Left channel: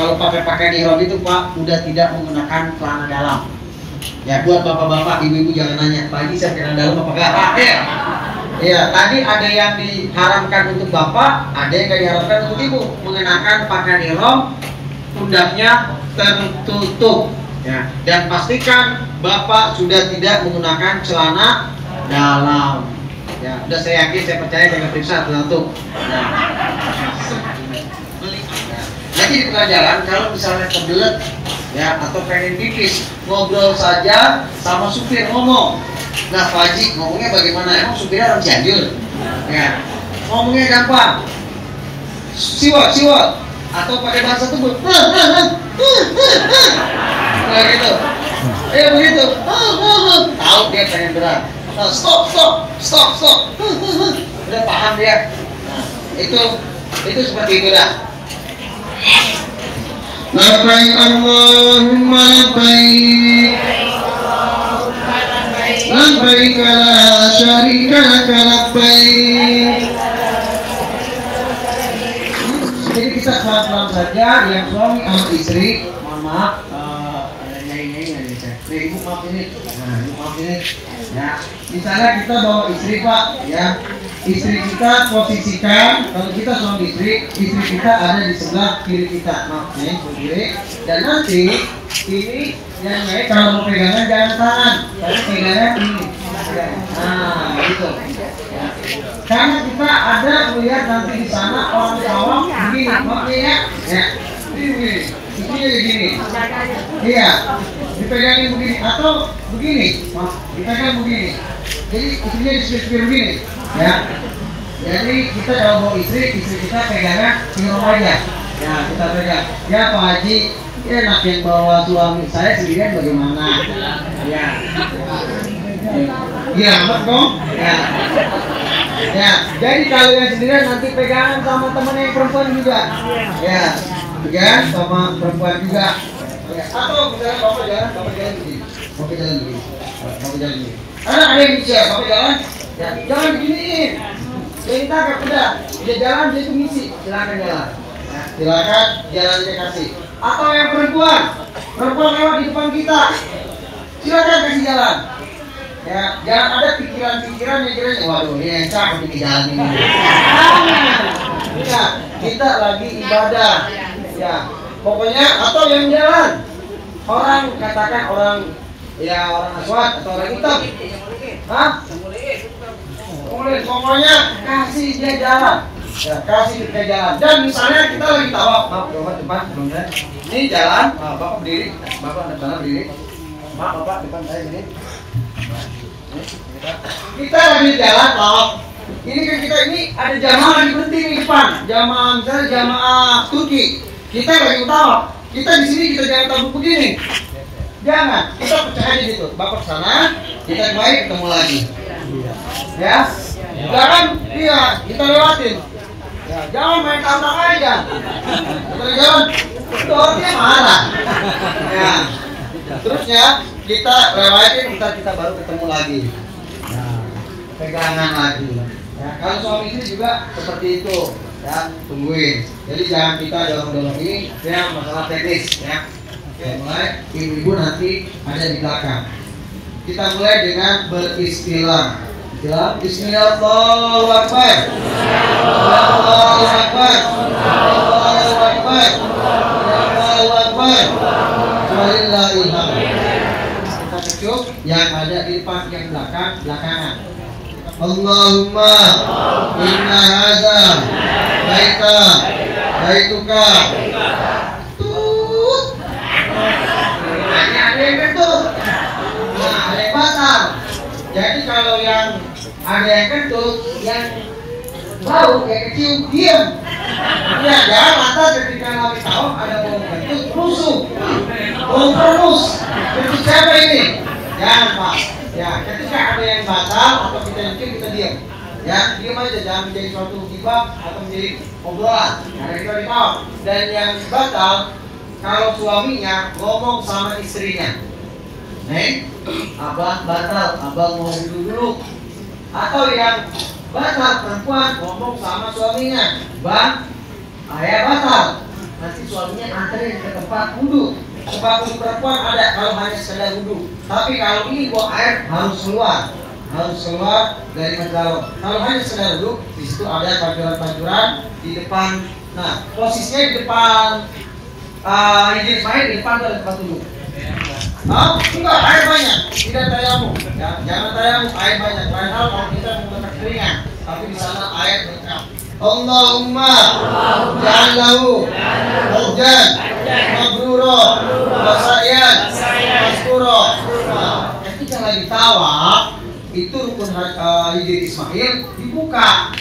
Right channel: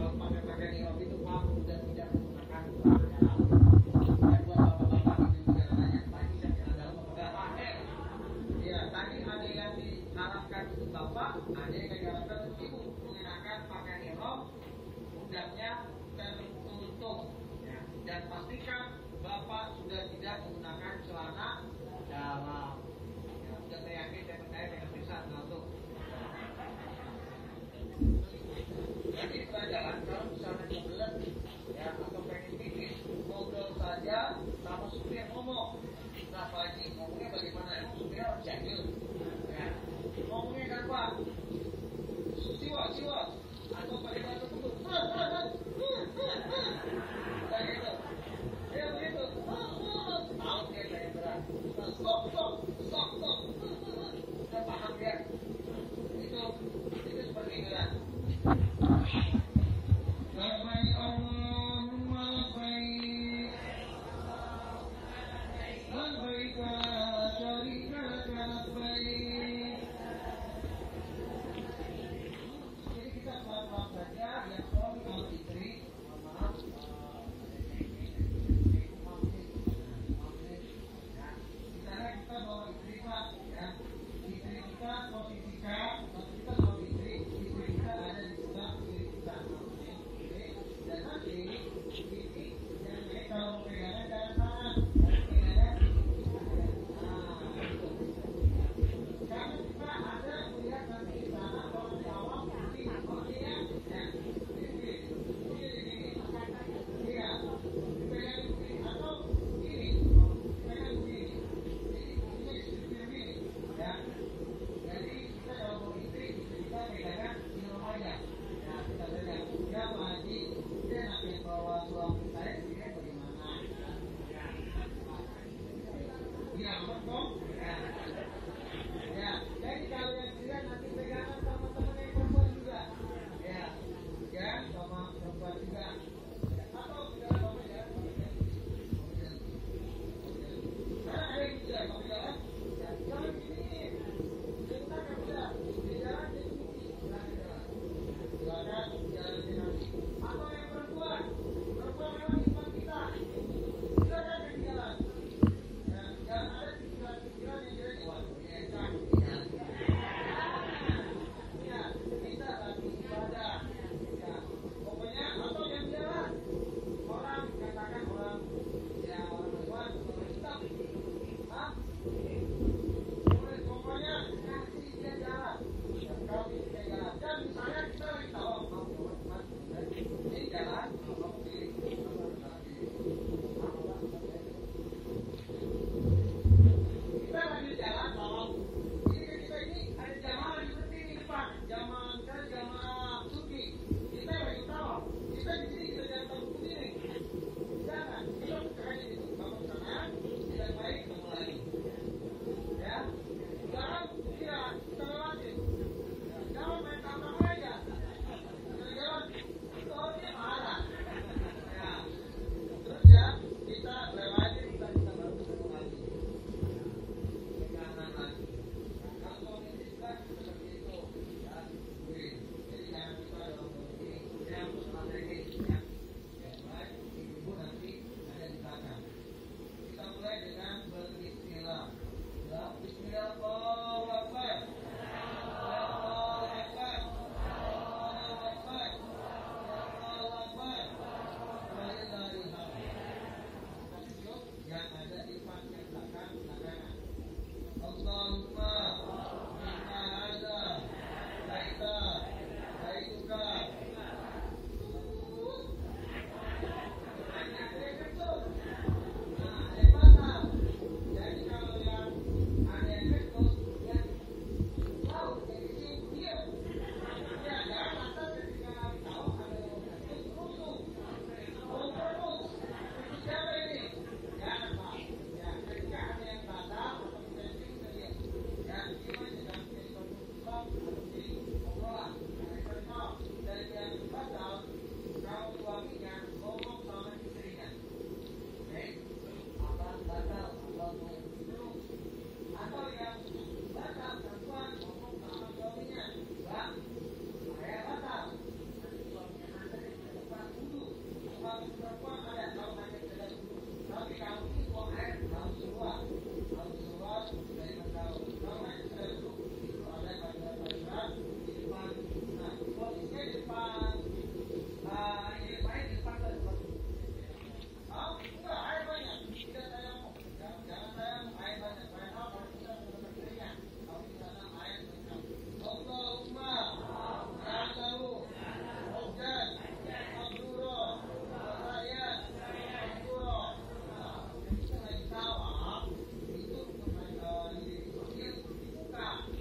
kalau pakai pakaian ihram itu Pak udah tidak menggunakan celana dalam. Ya buat bapak-bapak, ibu-ibu jangan nanya, Pak Haji saya celana dalam apa enggak? Ya. Ya, tadi ada yang diharamkan untuk bapak, ada yang nggak diharamkan untuk ibu mengenakan pakaian ihram, pundaknya tertutup. Ya, dan pastikan bapak sudah tidak menggunakan celana dalam. Ya, udah saya yakin, saya percaya dengan periksa satu. Ya. Jadi di tengah jalan kalau misalnya kebelet ya atau pengen pipis, ngobrol saja sama supir ngomong. Nah Pak Haji ngomongnya bagaimana? Emang supirnya orang Cianjur? Ya, ngomongnya gampang. Siwot, atau pakai bahasa tubuh. Nah gitu. Begitu. Tahu dia pengen berat. Nah, stop. Udah paham dia. Nah, itu seperti itu dah. Labbaik Allahumma labbaik. Labbaik la syarika laka labbaik. Jadi kita pelan-pelan saja yang suami sama istri. Mohon maaf, ada nyai-nyai nggak bisa. Ibu maaf ini. Nah, ibu maaf ini. Ya, misalnya kita bawa istri Pak, ya. Istri kita posisikan, kalau kita suami istri kita ada di sebelah kiri kita, maaf nih, kiri. Dan nanti ini yang baik kalau mau pegangan jangan tangan, tapi pegangan ini. Nah, gitu. Ya. Karena kita ada melihat nanti di sana orang awam begini, maksudnya ya, ini begini. Iya, dipegangin begini atau begini, dipegang begini. Jadi istrinya di sebelah begini. Ya, jadi kita kalau mau istri kita pegangan ihram aja. Ya, kita pegang. Ya Pak Haji, enak yang bawa suami saya sendirian bagaimana? Ya, iya amat dong. Ya, jadi kalau yang sendirian nanti pegangan sama teman yang perempuan juga. Ya, pegangan sama perempuan juga. Ya, atau misalnya bapak jalan begini. Bapak jalan begini. Ada yang bicara, bapak jalan. Ya, jangan beginiin. Kita agak udah. Dia jalan, dia itu ngisi. Silakan jalan. Ya, silakan jalan dia kasih. Atau yang perempuan lewat di depan kita. Silakan kasih jalan. Ya, jangan ada pikiran-pikiran yang kira waduh, ini encak untuk jalan ini. Ya, kita lagi ibadah. Ya, pokoknya atau yang jalan. Orang katakan orang aswad atau orang hitam. Hah? Boleh, pokoknya kasih dia jalan. Ya, kasih dia jalan. Dan misalnya kita lagi tawaf, maaf, bapak depan sebelumnya. Ini jalan, bapak berdiri, bapak depan berdiri. Maaf, bapak depan saya sini. Kita lagi jalan tawaf. Ini kan kita ini ada jamaah lagi berhenti di depan. Jamaah misalnya jamaah Turki. Kita lagi tawaf. Kita di sini kita jangan tabuk begini. Jangan, kita pecah aja gitu. Bapak sana, kita kembali ketemu lagi. Ya, jangan kita lewatin. Ya, jangan main tantang aja. Kita jalan, itu orangnya marah. Ya, terusnya kita lewatin, kita baru ketemu lagi. Nah, pegangan lagi. Ya, kalau suami istri juga seperti itu. Ya, tungguin. Jadi jangan kita dorong-dorong ini. Ya, masalah teknis. Ya. Oke, mulai ibu-ibu nanti ada di belakang. Kita mulai dengan beristilah. Bismillah, Allahu Akbar. Allahu Akbar. Allahu Akbar. Allahu Akbar. Walillahil hamd. Kita cukup yang ada di depan yang belakangan. Allahumma inna hadza baituka. Jadi kalau yang ada yang kentut, yang bau kayak kecium, diam. Ya, jangan mata ketika lagi tawaf ada bau kentut, rusuh, bau perenus. Kentut siapa ini? Jangan Pak. Ya, ketika ada yang batal atau kita yakin kita diam. Ya, diam aja, jangan menjadi suatu gibah atau menjadi obrolan. Karena kita di tawaf. Dan yang batal, kalau suaminya ngomong sama istrinya. Neng, abang batal, abang mau dulu. Atau yang batal perempuan ngomong sama suaminya, bang, ayah batal. nanti suaminya anterin ke tempat wudhu. Sebab untuk perempuan ada kalau hanya sekedar wudhu. Tapi kalau ini buang air harus keluar dari menjalon. Kalau hanya sekedar wudhu, di situ ada pancuran-pancuran di depan. Nah, posisinya di depan Hijri Ismail, di depan ada tempat wudhu. Enggak, air banyak, tidak tayamum. Ya, jangan tayamum, air banyak. Lain hal kalau kita menggunakan keringan, tapi di sana air lengkap. Allahumma ja'allahu hajjan mabrura wa sa'yan maskura. Ketika lagi tawaf itu rukun Hijri Ismail dibuka.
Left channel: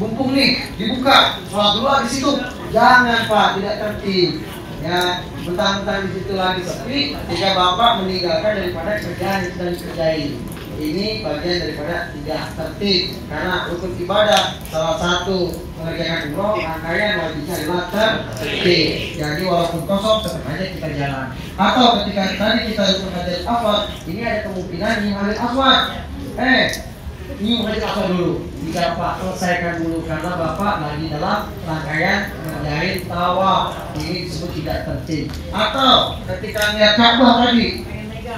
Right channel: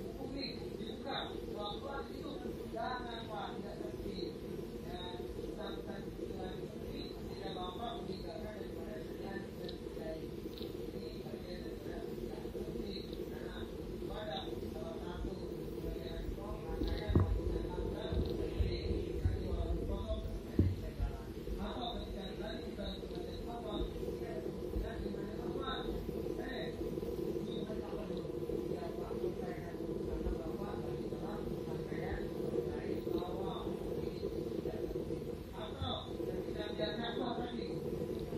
Mumpung nih dibuka, sholat dulu di situ. Jangan Pak, tidak tertib. Ya, mentang-mentang di situ lagi sepi, ketika Bapak meninggalkan daripada kerjaan yang sedang dikerjain. Ini bagian daripada tidak tertib, karena rukun ibadah salah satu mengerjakan umroh rangkaian wajibnya adalah tertib. Jadi walaupun kosong tetap aja kita jalan. Atau ketika tadi kita rukun Hajar Aswad, ini ada kemungkinan nyium Hajar Aswad. Nyium Hajar Aswad dulu. Jika Pak selesaikan dulu karena Bapak lagi dalam rangkaian mengerjain tawaf. Ini disebut tidak tertib. Atau ketika lihat Ka'bah tadi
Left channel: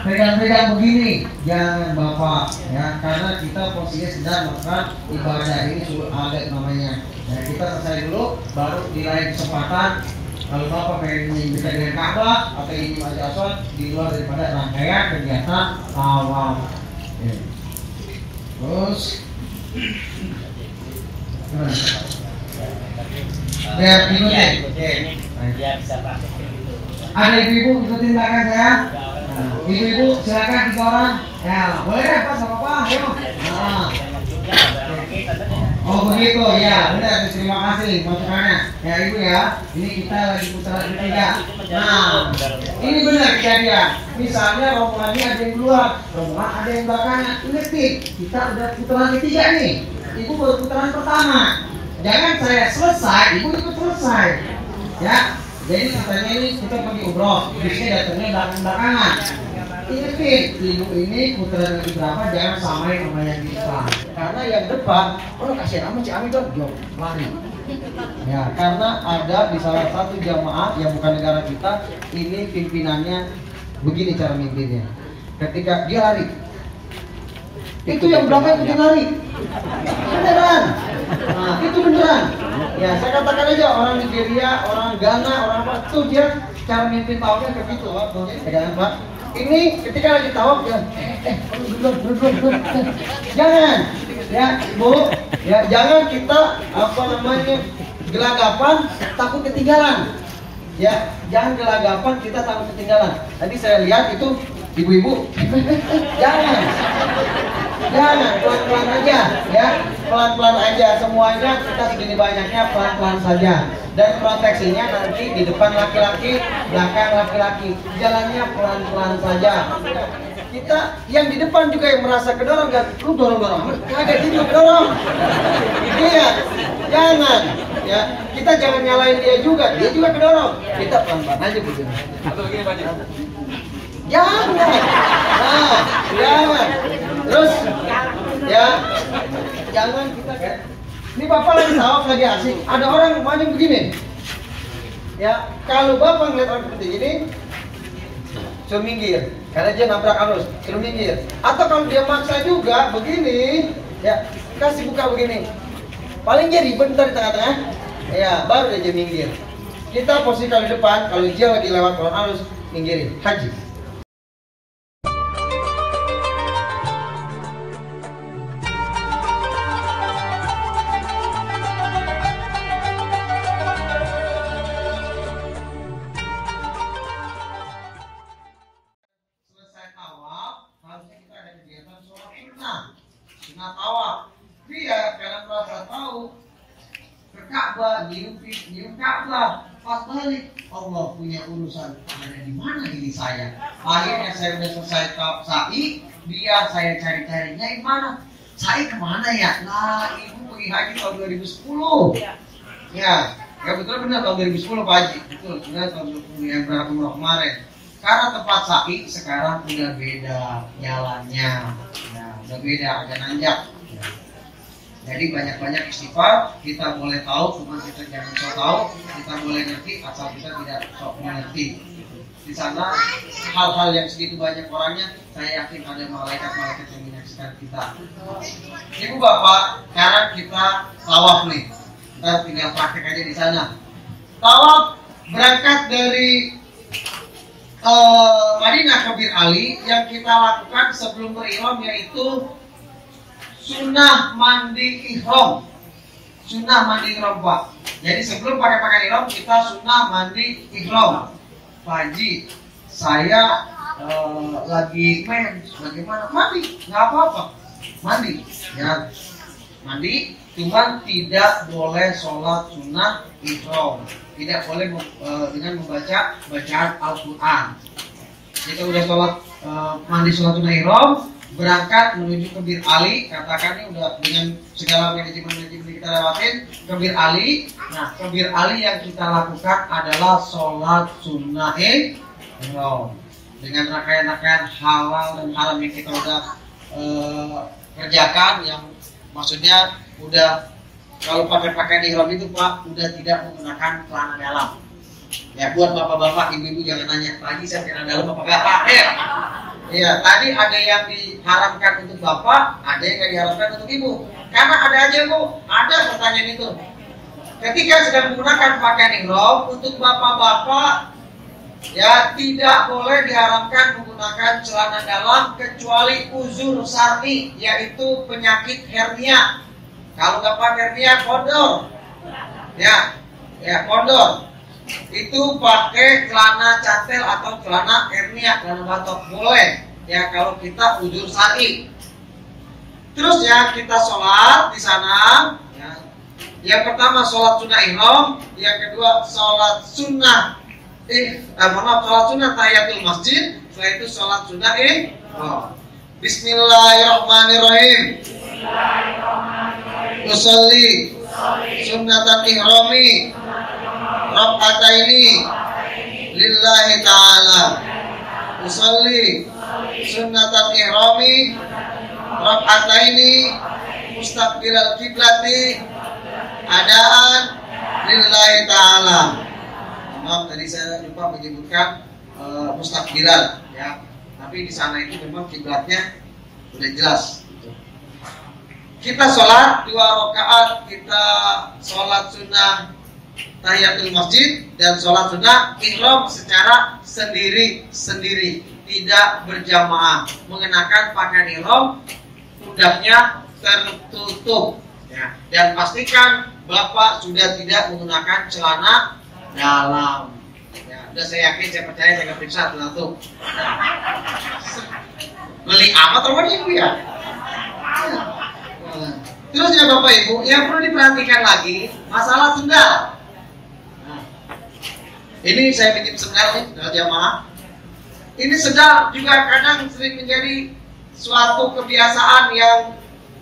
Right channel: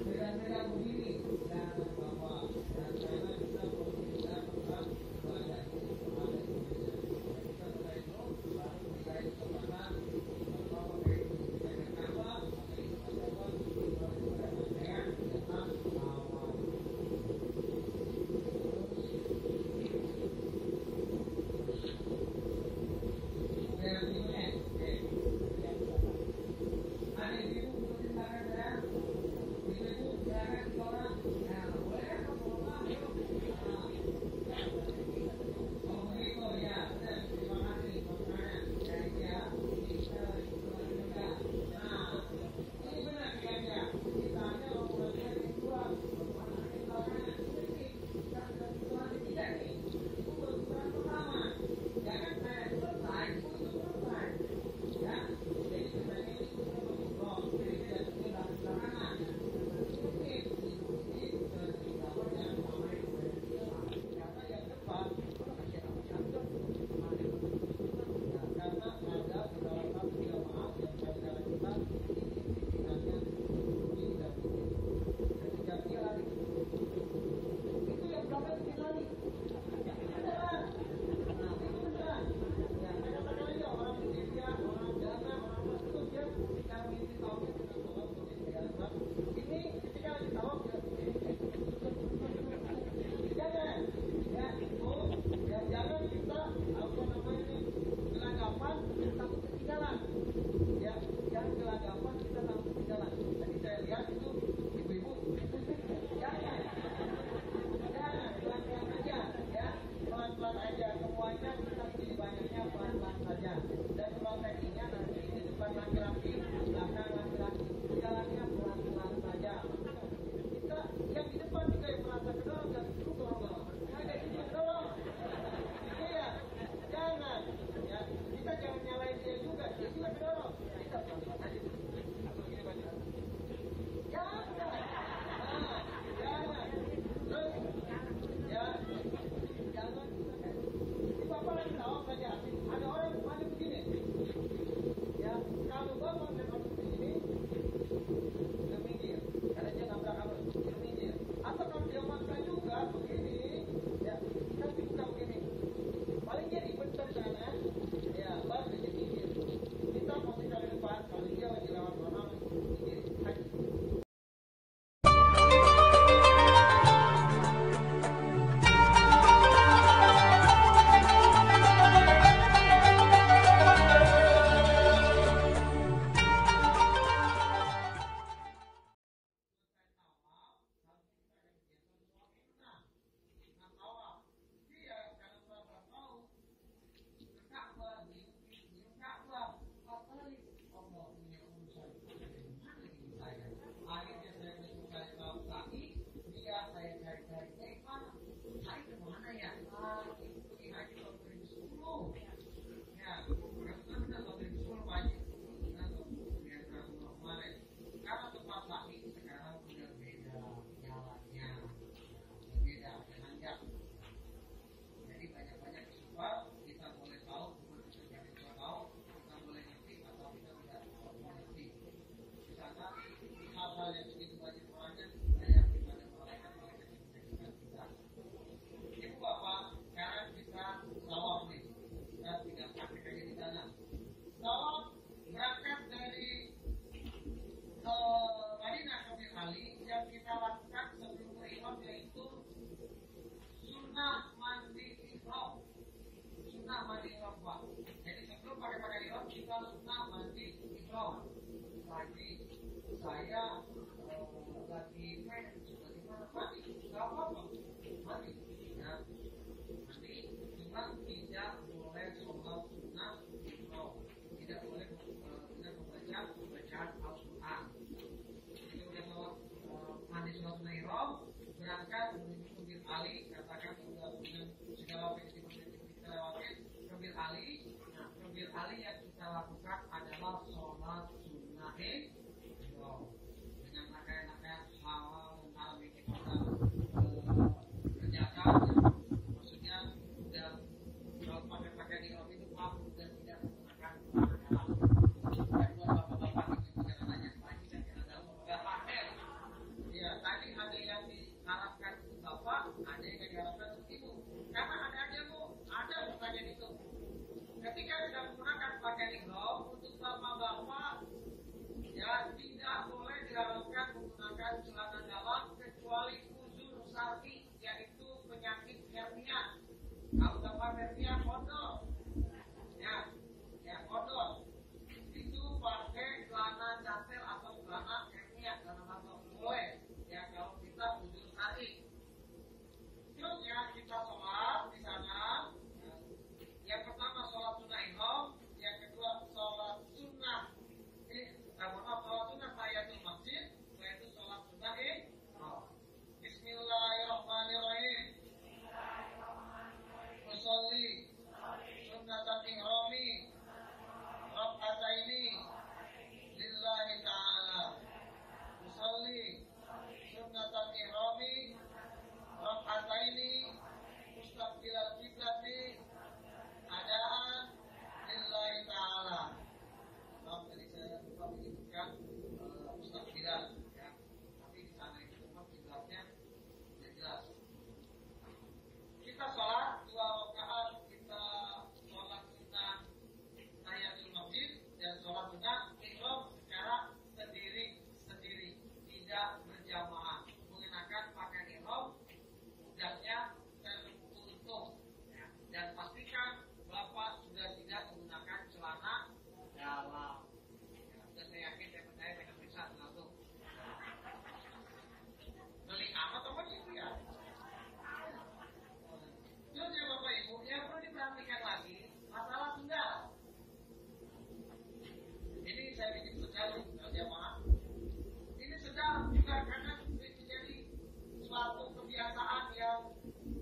pegang-pegang begini, jangan Bapak ya, karena kita posisinya sedang melakukan ibadah ini sudah adat namanya. Ya, kita selesai dulu, baru di lain kesempatan kalau Bapak pengen bisa dengan Ka'bah atau ini Hajar Aswad di luar daripada rangkaian kegiatan tawaf. Ya. Terus biar ikutin. Biar bisa Pak. Ada ibu-ibu ikutin belakang saya. Ibu-ibu silakan 3 orang. Ya, boleh deh Pak, sama Pak. Ayo. Oh begitu ya, benar. Terima kasih masukannya. Ya Ibu ya, ini kita lagi putaran ketiga. Nah, ini benar kejadian. Misalnya rombongannya ada yang duluan, rombongan ada yang belakangnya. Ingat nih, kita udah putaran ketiga nih. Ibu baru putaran pertama. Jangan saya selesai, Ibu ikut selesai. Ya, jadi katanya ini kita pergi umroh, bisnya datangnya belakang-belakangan. Ingetin, Ibu ini putaran yang berapa jangan samain sama yang di depan. Karena yang depan, kasihan amat si Ami dong, lari. Ya, karena ada di salah satu jamaah yang bukan negara kita, ini pimpinannya begini cara mimpinnya. Ketika dia lari, itu yang belakang ikutin lari. Beneran. Nah, itu beneran. Ya, saya katakan aja orang Nigeria, orang Ghana, orang apa tuh dia cara mimpin tawafnya kayak gitu, Pak. Pegangan, Pak. Ini ketika lagi tawaf ya, jangan, ya Bu, ya jangan kita gelagapan takut ketinggalan, ya jangan gelagapan kita takut ketinggalan. Tadi saya lihat itu ibu-ibu, jangan pelan-pelan aja, ya pelan-pelan aja semuanya kita segini banyaknya pelan-pelan saja. Dan proteksinya nanti di depan laki-laki, belakang laki-laki. Jalannya pelan-pelan saja. Kita yang di depan juga yang merasa kedorong kan, lu dorong-dorong, kagak dia juga kedorong. Iya, jangan. Ya, kita jangan nyalain dia juga kedorong. Kita pelan-pelan aja begini. Atau begini Pak. Jangan. Nah, jangan. Terus, ya, jangan kita kan. Ini Bapak lagi tawaf lagi asik, ada orang maju begini. Ya, kalau Bapak ngeliat orang seperti ini, suruh minggir, karena dia nabrak arus, suruh minggir. Atau kalau dia maksa juga begini, ya kasih buka begini. Paling dia ribet ntar di tengah-tengah, ya baru dia minggir. Kita posisi kalau di depan, kalau dia lagi lewat orang arus, minggirin, haji. Nyium Ka'bah, pas balik Allah punya urusan ada di mana ini saya. Akhirnya saya udah selesai sa'i, dia saya cari-carinya di mana. Sa'i kemana ya? Nah, ibu pergi haji tahun 2010. Ya betul benar tahun 2010 Pak Haji. Betul, benar tahun 2010 yang berapa umroh kemarin. Karena tempat sa'i sekarang udah beda jalannya. Ya, udah beda, agak nanjak. Jadi banyak-banyak istighfar, kita boleh tahu, cuma kita jangan sok tahu, kita boleh ngerti asal kita tidak sok mengerti. Di sana hal-hal yang segitu banyak orangnya, saya yakin ada malaikat-malaikat yang menyaksikan kita. Ibu bapak, sekarang kita tawaf nih, kita tinggal praktek aja di sana. Tawaf berangkat dari Madinah ke Bir Ali, yang kita lakukan sebelum berihram yaitu sunnah mandi ihram. Sunnah mandi ihram, Pak. Jadi sebelum pakai pakaian ihram kita sunnah mandi ihram. Pak Haji, saya lagi main, bagaimana? Mandi, nggak apa-apa. Mandi, ya mandi. Cuman tidak boleh sholat sunnah ihram. Tidak boleh dengan membaca bacaan Al-Quran. Kita udah sholat mandi sholat sunnah ihram, berangkat menuju ke Bir Ali, katakan ini udah dengan segala manajemen kita lewatin ke Bir Ali. Nah, ke Bir Ali yang kita lakukan adalah sholat sunnah ihram dengan rangkaian-rangkaian halal dan haram yang kita udah kerjakan, yang maksudnya udah kalau pakai pakaian ihram itu Pak udah tidak menggunakan celana dalam. Ya buat bapak-bapak, ibu-ibu jangan nanya lagi saya celana dalam apa enggak. Ya, tadi ada yang diharamkan untuk bapak, ada yang diharamkan untuk ibu. Karena ada aja Bu, ada pertanyaan itu. Ketika sedang menggunakan pakaian ihram untuk bapak-bapak, ya tidak boleh diharamkan menggunakan celana dalam kecuali uzur syar'i, yaitu penyakit hernia. Kalau bapak hernia kondor, ya kondor. Itu pakai celana cantel atau celana hernia, celana batok boleh ya kalau kita uzur syar'i. Terus ya kita sholat di sana ya. Yang pertama sholat sunnah ihram, yang kedua sholat sunnah sholat sunnah tahiyatul masjid, setelah itu sholat sunnah ihram. Bismillahirrahmanirrahim. Usolli sunnatan ihrami Rak'ataini lillahi ta'ala. Usolli sunnatan ihrami Rak'ataini mustaqbilal kiblati adaan lillahi ta'ala. Maaf tadi saya lupa menyebutkan mustaqbilal ya. Tapi di sana itu memang kiblatnya udah jelas. Kita sholat 2 rakaat, kita sholat sunnah tahiyatul masjid dan sholat sunnah ihram secara sendiri-sendiri, tidak berjamaah. Mengenakan pakaian ihram, pundaknya tertutup ya. Dan pastikan bapak sudah tidak menggunakan celana dalam ya. Udah saya yakin, saya percaya, saya periksa tuh. Beli amat apa nih Bu ya? Terus ya Bapak Ibu, yang perlu diperhatikan lagi masalah sendal. Nah, ini saya bikin sendal nih, sendal jamaah. Ini sendal juga kadang sering menjadi suatu kebiasaan yang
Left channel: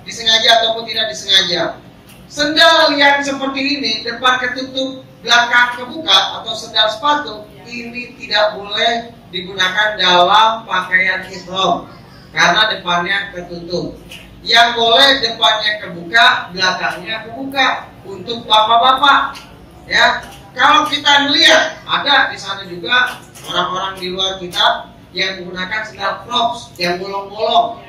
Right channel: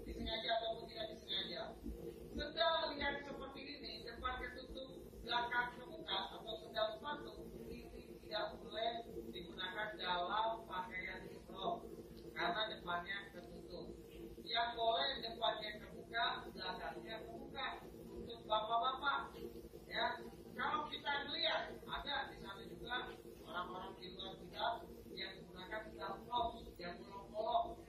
disengaja ataupun tidak disengaja. Sendal yang seperti ini, depan ketutup, belakang kebuka, atau sendal sepatu, ini tidak boleh digunakan dalam pakaian ihram karena depannya ketutup. Yang boleh depannya kebuka, belakangnya kebuka untuk bapak-bapak. Ya, kalau kita melihat ada di sana juga orang-orang di luar kita yang menggunakan sandal crocs yang bolong-bolong,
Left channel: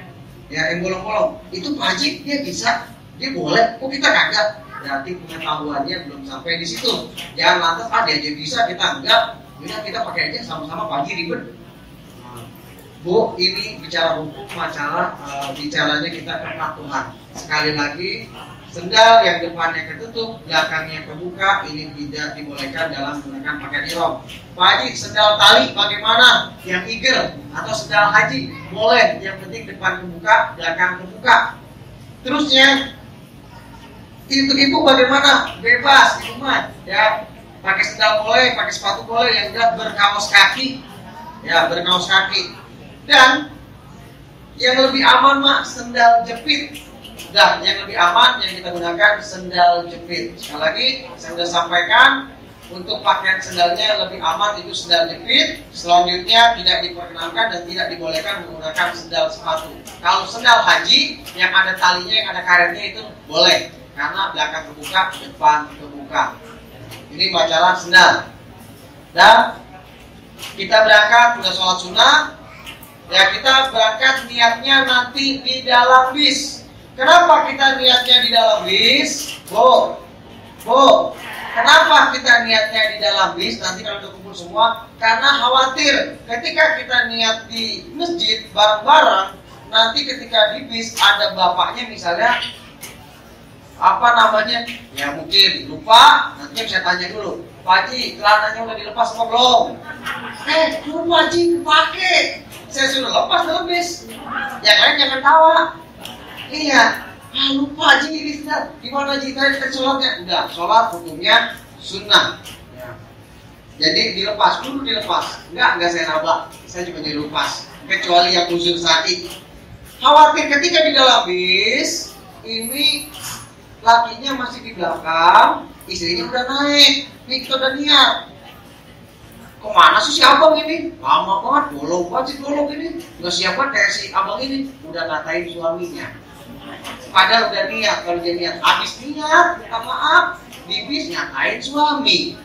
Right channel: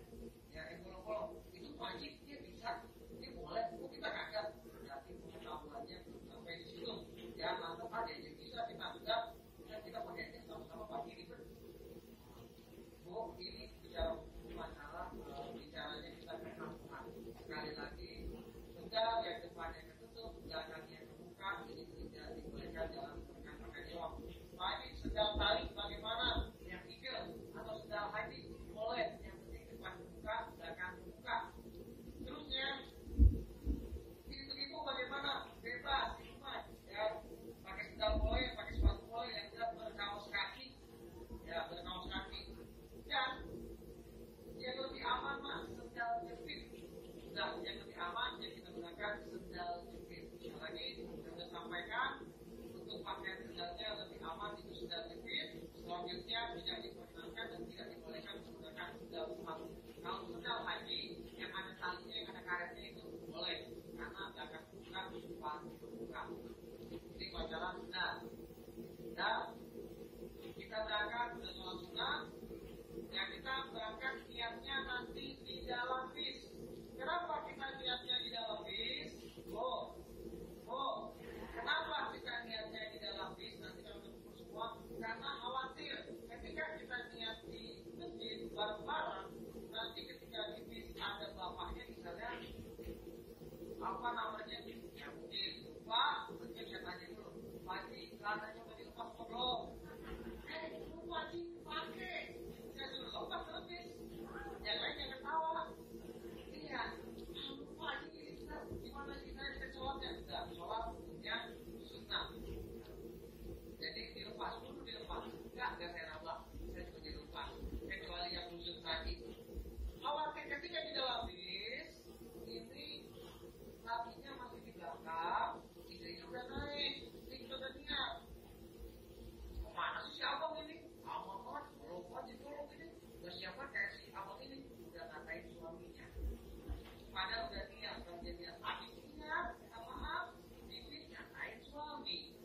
ya yang bolong-bolong. Itu Pak Haji, dia bisa, dia boleh. Kok kita kagak? Berarti pengetahuannya belum sampai di situ. Jangan lantas dia aja bisa, kita enggak. Kita pakai aja sama-sama Pak Haji ribet. Bu, ini bicara hukum, masalah bicaranya kita kepatuhan. Sekali lagi, sendal yang depannya ketutup, belakangnya kebuka, ini tidak dibolehkan dalam menggunakan pakaian ihram. Pak Haji, sendal tali bagaimana? Yang igel atau sendal haji boleh, yang penting depan kebuka, belakang kebuka. Terusnya, ibu bagaimana? Bebas di rumah, ya. Pakai sendal boleh, pakai sepatu boleh, yang jelas berkaos kaki, ya berkaos kaki. Dan yang lebih aman mak sendal jepit. Dan yang lebih aman yang kita gunakan sendal jepit. Sekali lagi saya sudah sampaikan Untuk pakaian sendalnya lebih aman itu sendal jepit. Selanjutnya tidak diperkenankan dan tidak dibolehkan menggunakan sendal sepatu. Kalau sendal haji yang ada talinya, yang ada karetnya itu boleh, karena belakang terbuka, depan terbuka. Ini bacaran sendal. Dan kita berangkat sudah sholat sunnah. Ya, kita berangkat niatnya nanti di dalam bis. Kenapa kita niatnya di dalam bis? Bu, kenapa kita niatnya di dalam bis? Nanti kalau udah kumpul semua, karena khawatir ketika kita niat di masjid bareng-bareng, nanti ketika di bis ada bapaknya misalnya, apa namanya? Ya mungkin lupa, nanti saya tanya dulu, Pak Haji, celananya udah dilepas apa belum? Lupa Haji, pakai. Saya sudah lepas dalam bis. Yang lain jangan tawa. Iya. Lupa Haji, ini sudah. Gimana Haji, tadi sholatnya? Udah, sholat hukumnya sunnah. Ya. Jadi dilepas, dulu dilepas. Enggak saya nabrak. Saya cuma dilepas. Kecuali yang uzur sakit. Khawatir ketika di dalam bis, ini lakinya masih di belakang, istrinya udah naik. Nih kita udah niat. Kemana sih si abang ini? Lama banget, bolong banget si bolong ini. Gak siap banget kayak si abang ini. Udah ngatain suaminya. Padahal udah niat, kalau dia niat habis niat, minta maaf, di bis ngatain suami.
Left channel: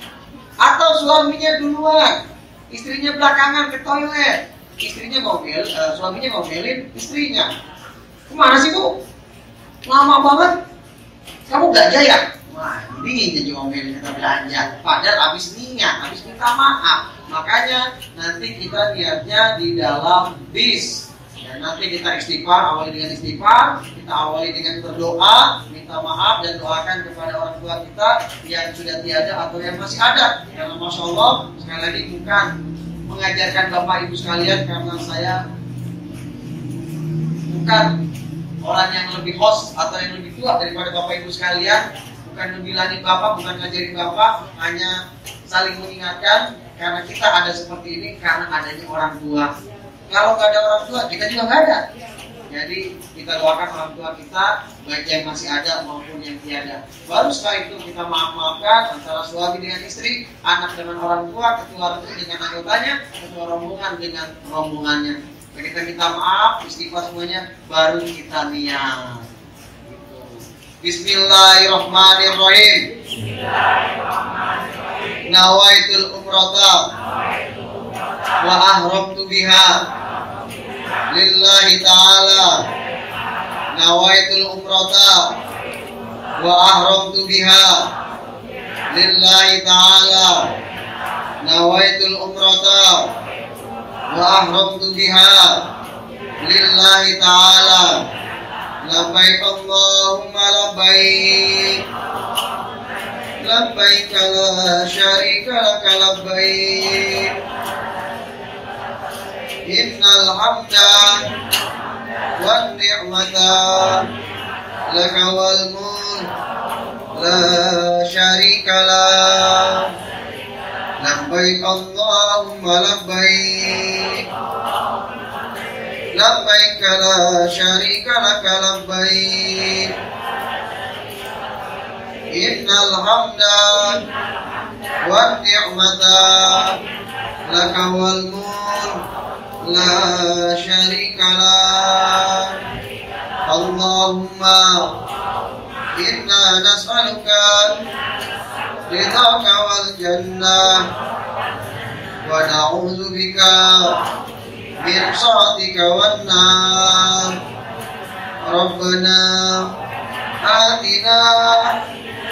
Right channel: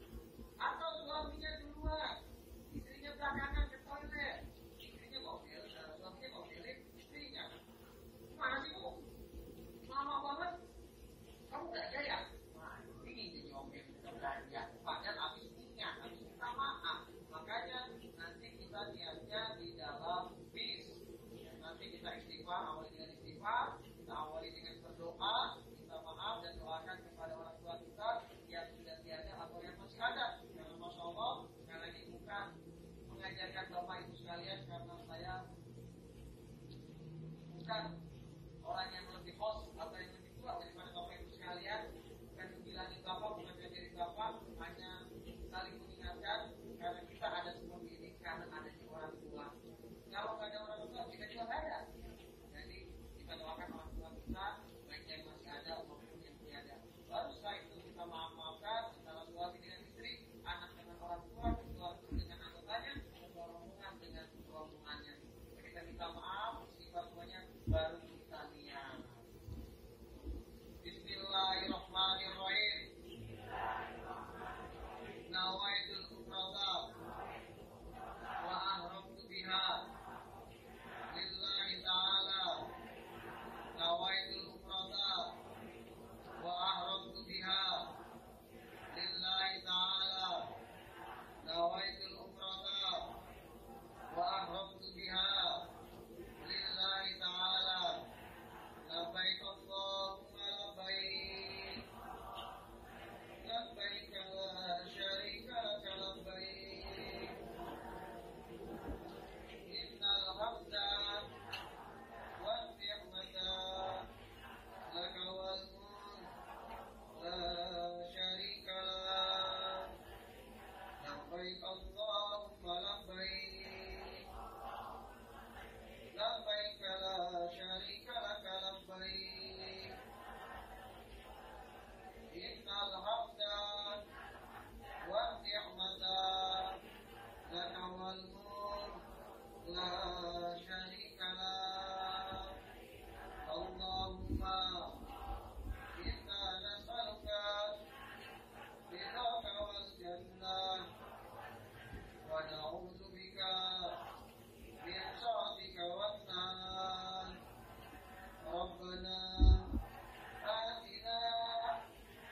Atau suaminya duluan, istrinya belakangan ke toilet. Suaminya ngomelin istrinya. Kemana sih Bu? Lama banget. Kamu belanja ya? Wah, ini jadi ngomelin kita belanja. Padahal habis niat, habis minta maaf. Makanya nanti kita niatnya di dalam bis. Dan nanti kita istighfar, awali dengan istighfar, kita awali dengan berdoa, minta maaf dan doakan kepada orang tua kita yang sudah tiada atau yang masih ada. Karena Masya Allah, sekali lagi bukan mengajarkan Bapak Ibu sekalian, karena saya bukan orang yang lebih host atau yang lebih tua daripada Bapak Ibu sekalian, bukan membilangin Bapak, bukan ngajarin Bapak, hanya saling mengingatkan, karena kita ada seperti ini karena adanya orang tua. Kalau nggak ada orang tua, kita juga nggak ada. Jadi kita doakan orang tua kita, baik yang masih ada maupun yang tiada. Baru setelah itu kita maaf-maafkan antara suami dengan istri, anak dengan orang tua, ketua RT dengan anggotanya, ketua rombongan dengan rombongannya. Kita minta maaf, istighfar semuanya, baru kita niat. Bismillahirrahmanirrahim. Nawaitul umrata wa ahramtu biha lillahi ta'ala. Nawaitul umrata wa ahramtu biha lillahi ta'ala. Nawaitul umrata wa ahramtu biha lillahi ta'ala. Labbaik Allahumma labbaik. Labbaik la syarika laka labbaik. Innal hamda wan ni'mata laka wal mulk la syarika lak. Labbaik Allahumma labbaik. Labbaik la syarika laka labbaik. Innal hamda wan ni'mata laka wal mulk la syarika lak. Allahumma inna nas'aluka ridhaka wal jannah wa na'udzu bika min sakhatika wan nar. Rabbana atina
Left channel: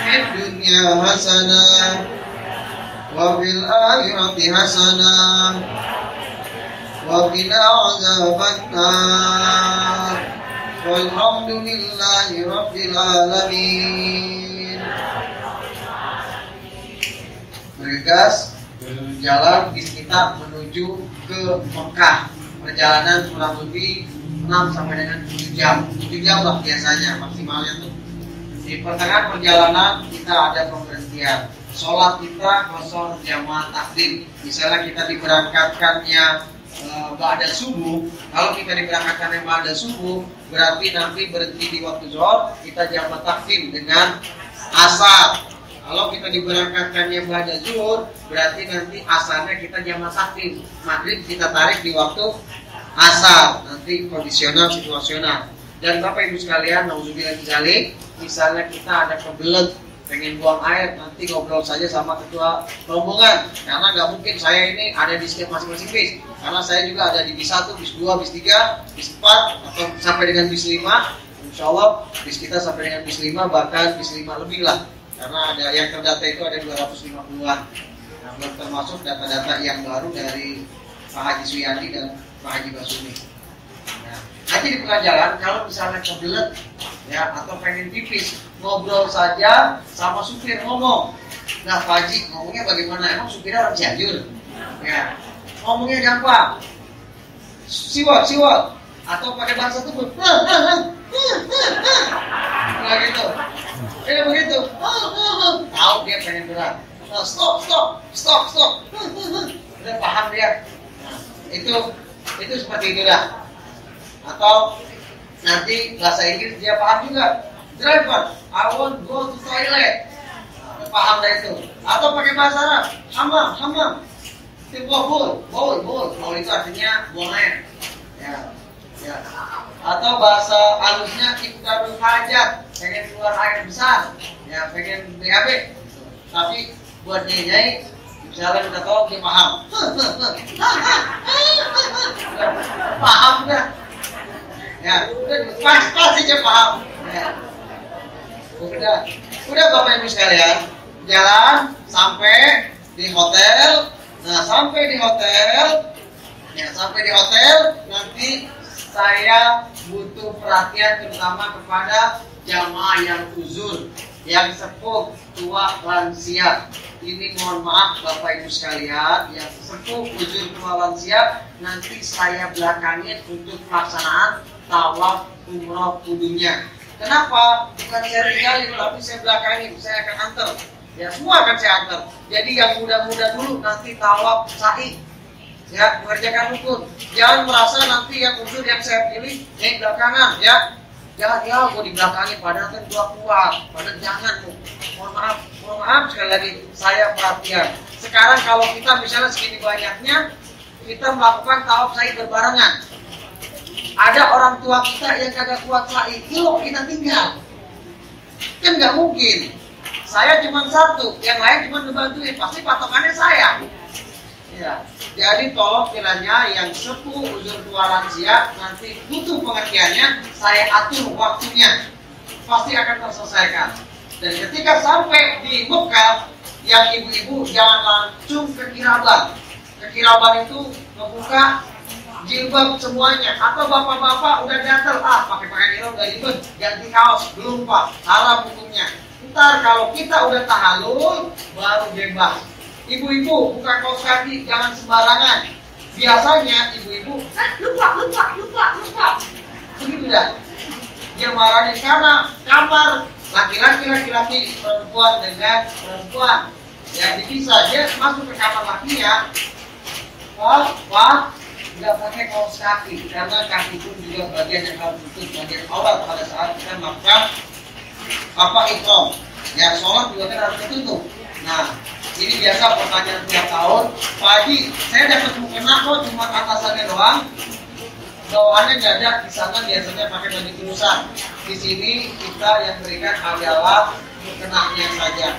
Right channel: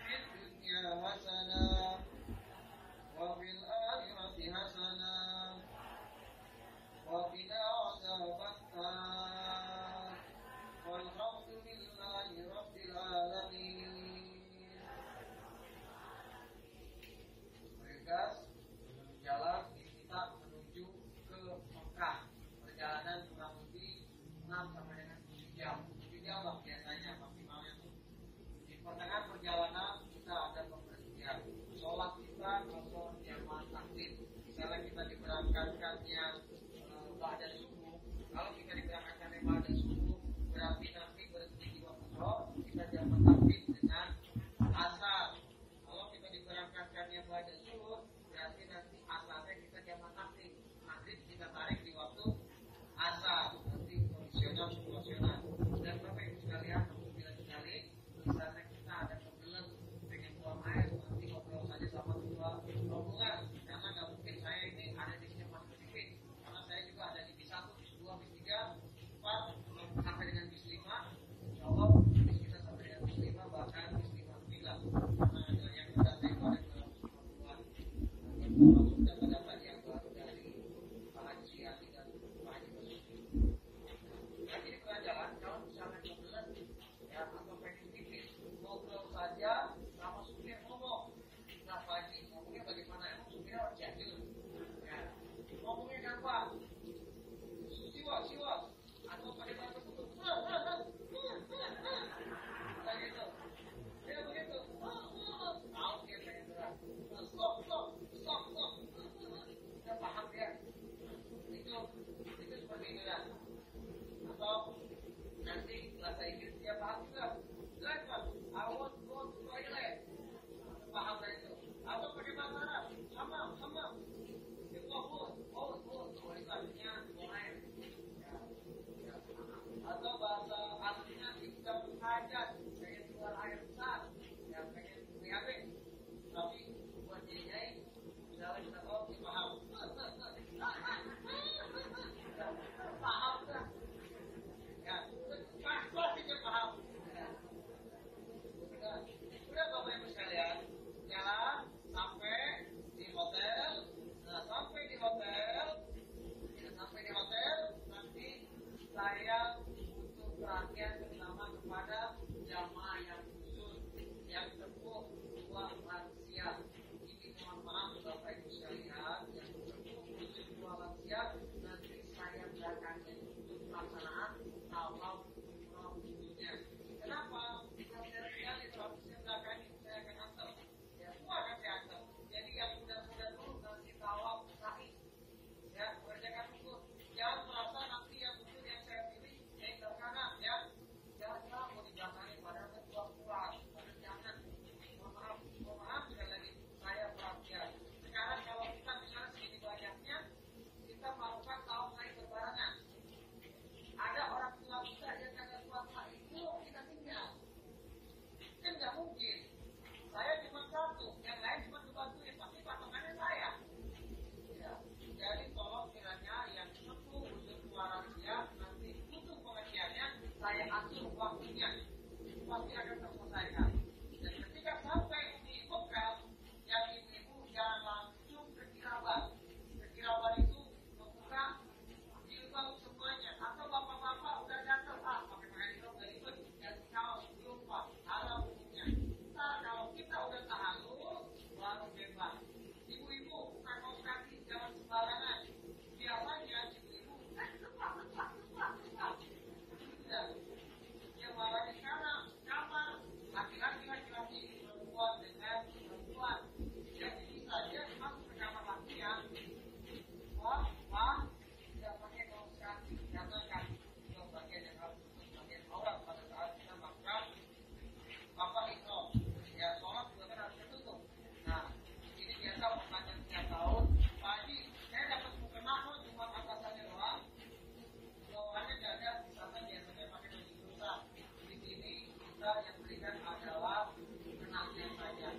fid dunya hasanah wa fil akhirati hasanah wa qina adzaban nar. Walhamdulillahi rabbil alamin. Bergegas berjalan bis kita menuju ke Mekah. Perjalanan kurang lebih 6 sampai dengan 7 jam. 7 jam lah biasanya maksimalnya tuh. Di pertengahan perjalanan kita ada pemberhentian. Sholat kita kosong jamaah takdim. Misalnya kita diberangkatkannya ba'da subuh. Kalau kita diberangkatkannya ba'da subuh, berarti nanti berhenti di waktu zuhur, kita jamaah takdim dengan asar. Kalau kita diberangkatkannya pada zuhur, berarti nanti asarnya kita jamaah takdim. Maghrib kita tarik di waktu asar, nanti kondisional situasional. Dan Bapak Ibu sekalian, nauzubillah misalnya kita ada kebelet pengen buang air, nanti ngobrol saja sama ketua rombongan. Karena nggak mungkin saya ini ada di setiap masing-masing bis. Karena saya juga ada di bis 1, bis 2, bis 3, bis 4, atau sampai dengan bis 5. Insya Allah bis kita sampai dengan bis 5, bahkan bis 5 lebih lah. Karena ada yang terdata itu ada 250-an. Nah, belum termasuk data-data yang baru dari Pak Haji Suyandi dan Pak Haji Basumi. Nah, nanti di tengah jalan kalau misalnya kebelet ya atau pengen pipis, ngobrol saja sama supir ngomong. Nah, Pak Haji ngomongnya bagaimana? Emang supirnya orang Cianjur? Ya, ngomongnya gampang. Siwot. Atau pakai bahasa tubuh. Nah gitu. Begitu. Tahu dia pengen berat. Stop. Udah paham dia. Nah, itu seperti itu dah. Atau nanti bahasa Inggris dia paham juga. Driver, I want go to toilet. Nah, paham dah itu. Atau pakai bahasa Arab. Hammam. Itu bowl itu artinya buang air. Ya. Atau bahasa halusnya ikdarul hajat, pengen keluar air besar, ya pengen BAB. Tapi buat nyai, misalnya kita tahu dia paham. Paham dah. Ya, pas aja paham. Ya. Udah Bapak Ibu sekalian, jalan sampai di hotel. Nah, sampai di hotel nanti saya butuh perhatian terutama kepada jamaah yang uzur, yang sepuh, tua, lansia. Ini mohon maaf Bapak Ibu sekalian, yang sepuh, uzur, tua, lansia, nanti saya belakangin untuk pelaksanaan tawaf umroh kudunya. Kenapa? Bukan saya tinggalin, tapi saya belakangin, saya akan antar. Ya semua akan saya antar. Jadi yang muda-muda dulu nanti tawaf sa'i. Ya, mengerjakan rukun. Jangan merasa nanti yang uzur yang saya pilih yang belakangan, ya. Jangan gue di belakangnya padahal kan gua kuat. Padahal jangan tuh. Mohon maaf sekali lagi saya perhatian. Sekarang kalau kita misalnya segini banyaknya, kita melakukan tawaf sa'i berbarengan. Ada orang tua kita yang kagak kuat sa'i, yuk kita tinggal. Kan nggak mungkin. Saya cuma satu, yang lain cuma ngebantuin. Pasti patokannya saya. Ya, jadi tolong kiranya yang sepuh, uzur, tua, lansia nanti butuh pengertiannya, saya atur waktunya, pasti akan terselesaikan. Dan ketika sampai di Mekah, yang ibu-ibu jangan langsung ke kiraban. Ke kiraban itu membuka jilbab semuanya, atau bapak-bapak udah gatel, pakai pakaian udah ribet, ganti kaos, belum Pak, haram hukumnya. Ntar kalau kita udah tahallul, baru bebas. Ibu-ibu buka kaos kaki jangan sembarangan. Biasanya ibu-ibu lupa. Begitu dah. Dia marahnya karena kamar laki-laki, perempuan dengan perempuan. Ya dipisah, dia masuk ke kamar lakinya. Wah, nggak pakai kaos kaki karena kaki pun juga bagian yang harus tutup, bagian aurat pada saat kita melakukan ihram. Ya sholat juga kan harus tertutup. Nah, ini biasa pertanyaan tiap tahun. Pak Haji, saya dapat mukena kok cuma atasannya doang. Bawaannya nggak ada, di sana biasanya pakai baju terusan. Di sini kita yang berikan adalah mukenanya saja.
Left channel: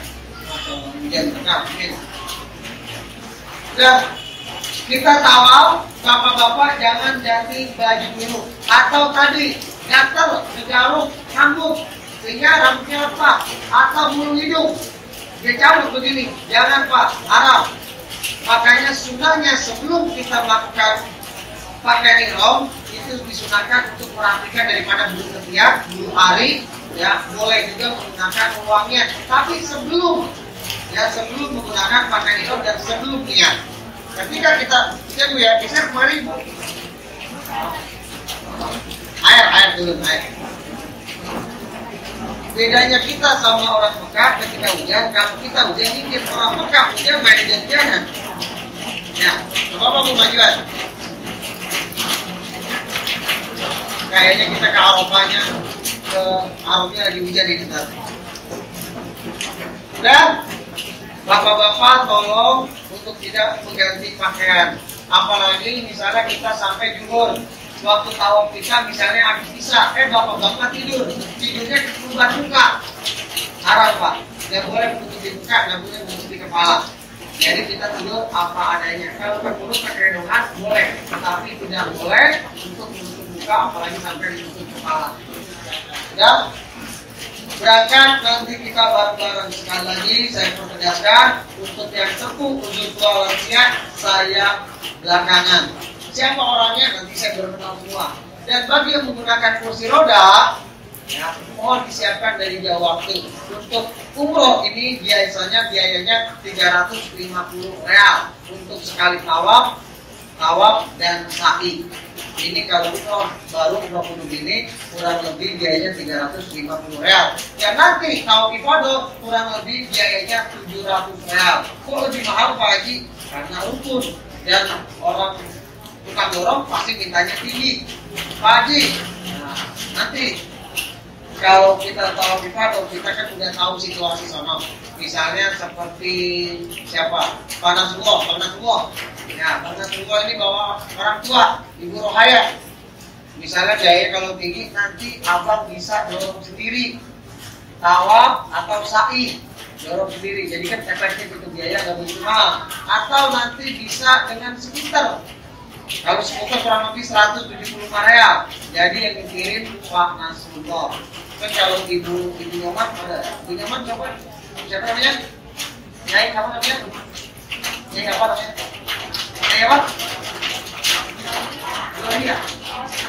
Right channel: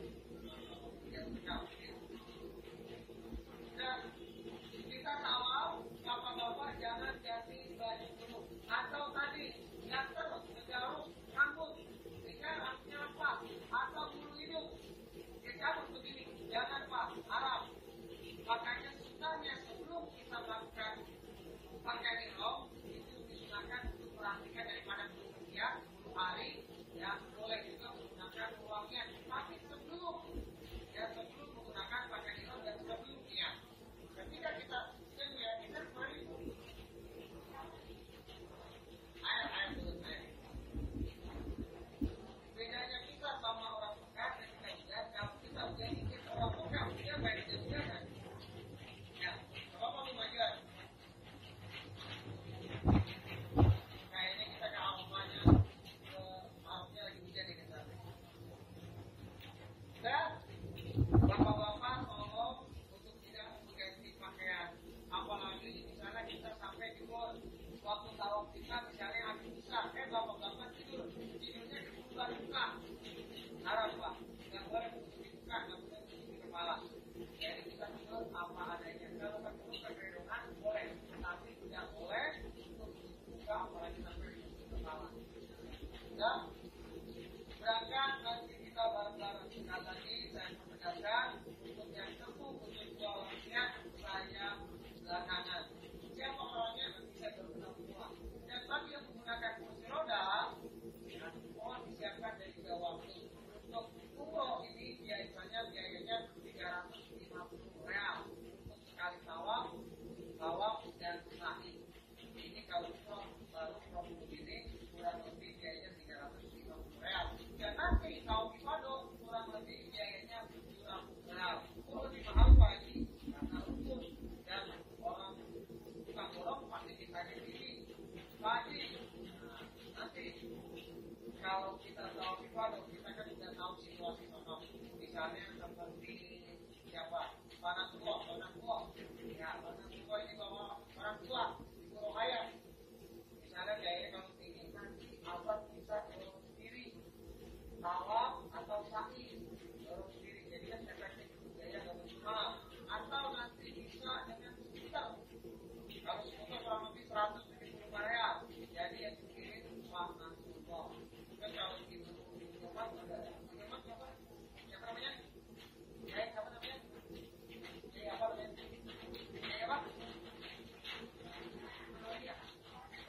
Kemudian tengah, udah kita tawaf, bapak-bapak jangan ganti baju dulu. Atau tadi gatel, ngegaruk, rambut, sehingga rambutnya lepas. Atau bulu hidung dia cabut begini, jangan Pak, haram. Makanya sunahnya sebelum kita melakukan pakaian ihram itu disunahkan untuk merapikan daripada bulu ketiak, bulu ari, ya boleh juga menggunakan uangnya. Tapi sebelum menggunakan pakaian ihram dan sebelum niat, ketika kita Bu ya, geser kemari Bu. Air turun air. Bedanya kita sama orang Mekah ketika hujan, kalau kita hujan dikit, orang Mekah hujan main hujan-hujanan. Ya, Bapak mau majuan. Kayaknya kita ke Arafahnya lagi hujan ini kita. Dan bapak-bapak tolong untuk tidak mengganti pakaian. Apalagi misalnya kita sampai juhur, waktu tawaf kita misalnya habis isya, bapak-bapak tidurnya buka. Haram Pak, nggak boleh menutup di muka, nggak boleh menutup di kepala. Jadi kita tidur apa adanya. Kalau perlu pakai dohan boleh, tapi tidak boleh untuk menutup muka, apalagi sampai menutup kepala. Ya, berangkat nanti kita bareng-bareng. Sekali lagi saya pertegaskan, untuk yang sepuh, untuk tua lansia, saya belakangan. Siapa orangnya nanti saya berkenal semua. Dan bagi yang menggunakan kursi roda, ya, mohon disiapkan dari jauh waktu. Untuk umroh ini biayanya 350 real untuk sekali tawaf dan sa'i. Ini kalau umroh baru umroh kudus ini kurang lebih biayanya 350 real. Dan nanti tawaf ifadah kurang lebih biayanya 700 real. Kok lebih mahal Pak Haji? Karena rukun dan orang tukang dorong pasti mintanya tinggi. Pak Haji, nah, nanti kalau kita tahu ifadah, kita kan sudah tahu situasi sana. Misalnya seperti siapa? Panasullah. Ya, Panasullah ini bawa orang tua, Ibu Rohaya. Misalnya biaya kalau tinggi, nanti abang bisa dorong sendiri, tawaf atau sa'i, dorong sendiri. Jadi kan efektif itu biaya nggak begitu mahal. Atau nanti bisa dengan skuter. Kalau skuter kurang lebih 175 real. Jadi yang dikirim Pak Nasrullah. Kan kalau ibu Nyoman ada, ibu Nyoman coba siapa namanya? Nyai apa namanya? Nyai apa namanya? Nyai apa?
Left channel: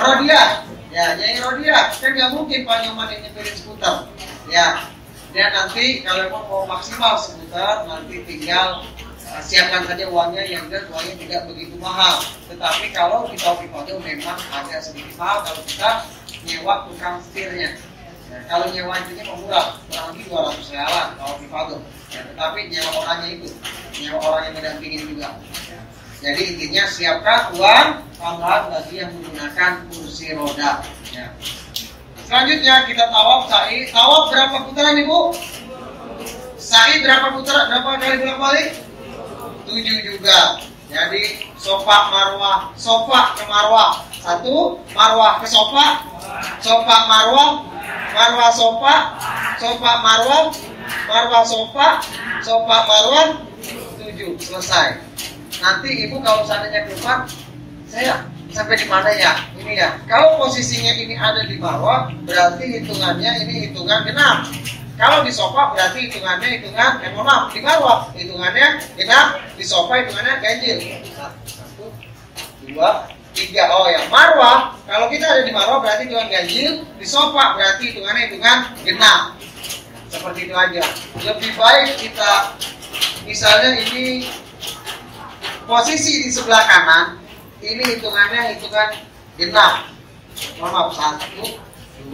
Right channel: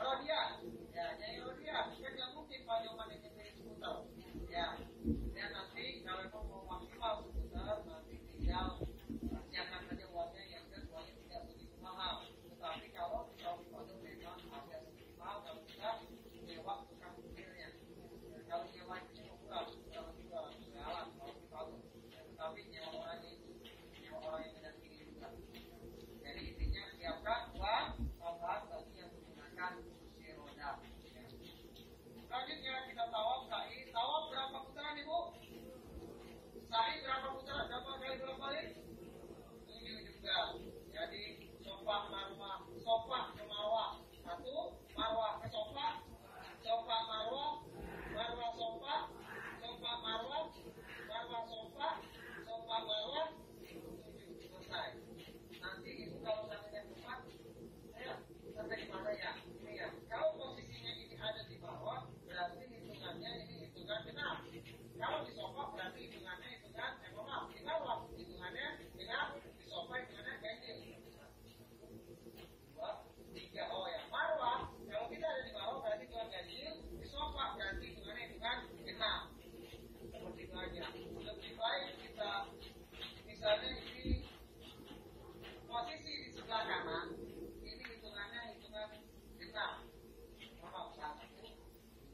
Rodia. Ya, Nyai Rodia. Kan nggak mungkin Pak Nyoman yang nyepirin skuter. Ya, dan nanti kalau mau maksimal skuter, nanti tinggal siapkan saja uangnya yang jelas uangnya tidak begitu mahal. Tetapi kalau di Tawaf Ifadah memang agak sedikit mahal kalau kita nyewa tukang setirnya. Ya, kalau nyewa itu murah, kurang lebih 200 realan Tawaf Ifadah. Ya, tetapi nyewa orangnya itu, nyewa orang yang mendampingin juga. Ya. Jadi intinya siapkan uang tambahan bagi yang menggunakan kursi roda. Ya. Selanjutnya kita tawaf sa'i. Tawaf berapa putaran Ibu? Sa'i berapa putaran? Berapa kali bolak-balik? 7 juga. Jadi sofa marwah, sofa ke marwah 1, marwah ke sofa, sofa marwah, marwah sofa, sofa marwah, marwah sofa, sofa marwah 7 selesai. Nanti Ibu kalau seandainya keluar, saya sampai di mana ya? Ini ya. Kalau posisinya ini ada di marwah, berarti hitungannya ini hitungan genap. Kalau di sofa berarti hitungannya di marwah hitungannya genap, di sofa hitungannya ganjil. 1, 2, 3. Oh ya, marwah kalau kita ada di marwah berarti hitungan ganjil, di sofa berarti hitungan genap. Seperti itu aja. Lebih baik kita misalnya ini posisi di sebelah kanan, ini hitungannya hitungan genap. Maaf, 1, 2,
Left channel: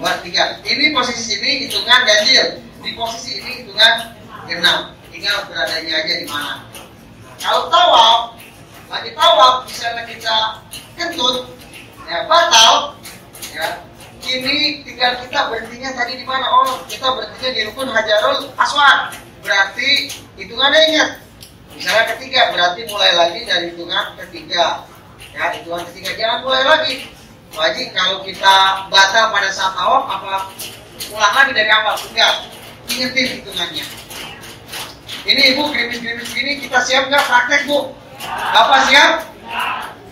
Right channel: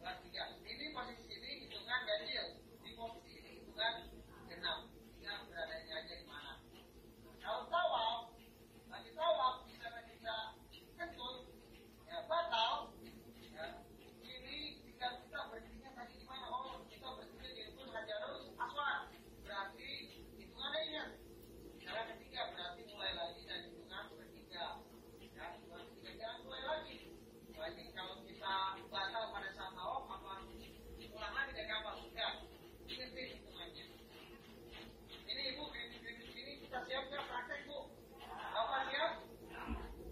3. Ini posisi sini hitungan ganjil. Di posisi ini hitungan genap, tinggal beradanya aja di mana. Kalau tawaf, lagi tawaf, misalnya kita kentut, ya batal, ya. Ini tinggal kita berhentinya tadi di mana? Oh, kita berhentinya di rukun Hajarul Aswad. Berarti hitungannya ingat. Misalnya ketiga, berarti mulai lagi dari hitungan ketiga. Ya, hitungan ketiga jangan mulai lagi. Wajib kalau kita batal pada saat tawaf, apa ulang lagi dari awal? Enggak. Ingetin hitungannya. Ini Ibu gerimis-gerimis gini kita siap nggak praktek Bu? Bapak siap?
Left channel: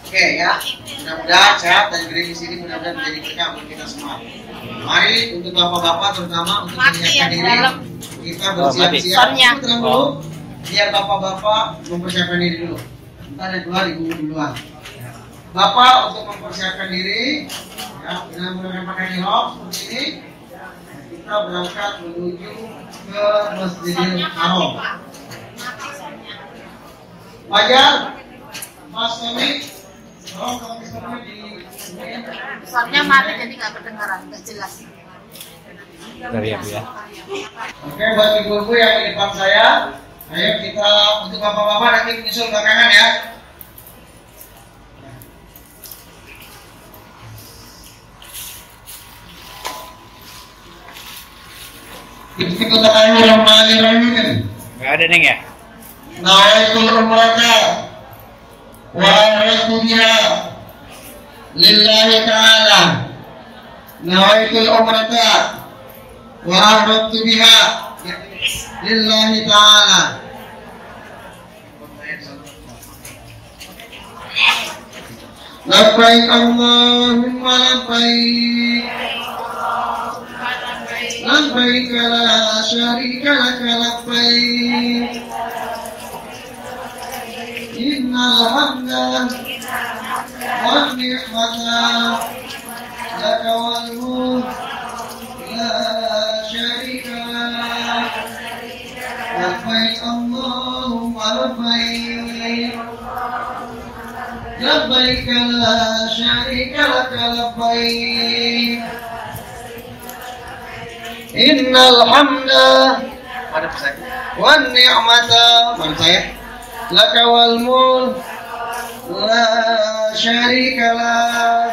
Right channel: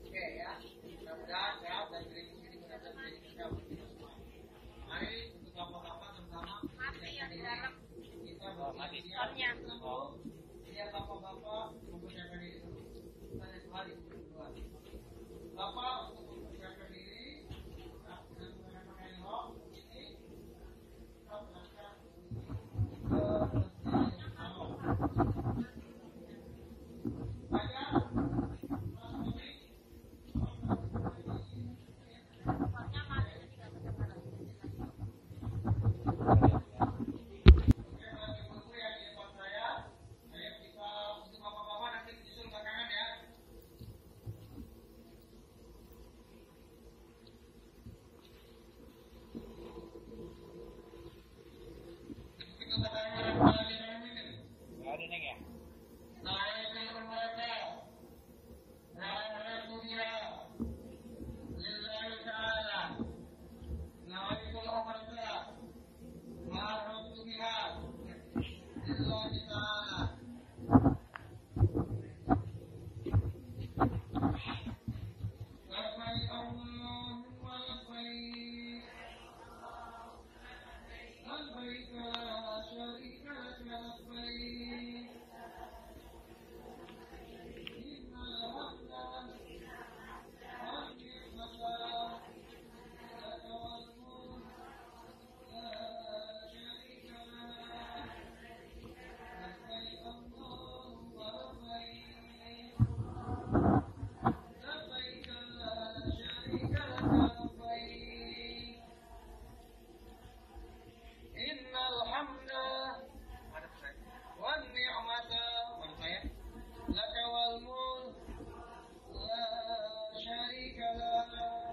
Oke ya. Mudah-mudahan sehat dan gerimis ini mudah-mudahan menjadi berkah untuk kita semua. Mari untuk bapak-bapak terutama untuk menyiapkan diri kita bersiap-siap. Tenang dulu. Biar bapak-bapak mempersiapkan diri dulu. Ntar yang keluar Ibu duluan. Bapak untuk mempersiapkan diri, ya, dengan menggunakan pakaian ihram seperti ini. Kita berangkat menuju ke Masjidil Haram. Fajar, Mas Tommy, tolong kalau di Soalnya mati jadi nggak kedengaran, nggak jelas. Dari ya. Oke, buat ibu-ibu yang di depan saya, ayo kita untuk bapak-bapak nanti menyusul belakangan ya. Bismillahirrahmanirrahim. ada Neng ya? Nawaitul umrata wa aradtu biha lillahi ta'ala. Nawaitul umrata wa aradtu biha lillahi ta'ala. Labbaik Allahumma labbaik. Labbaik la syarika laka labbaik. Innal hamda wan ni'mata laka wal mulk la syarika lak. Labbaik Allahumma labbaik. Labbaik la syarika laka labbaik. Innal hamda wan ni'mata laka wal mulk la syarika lak.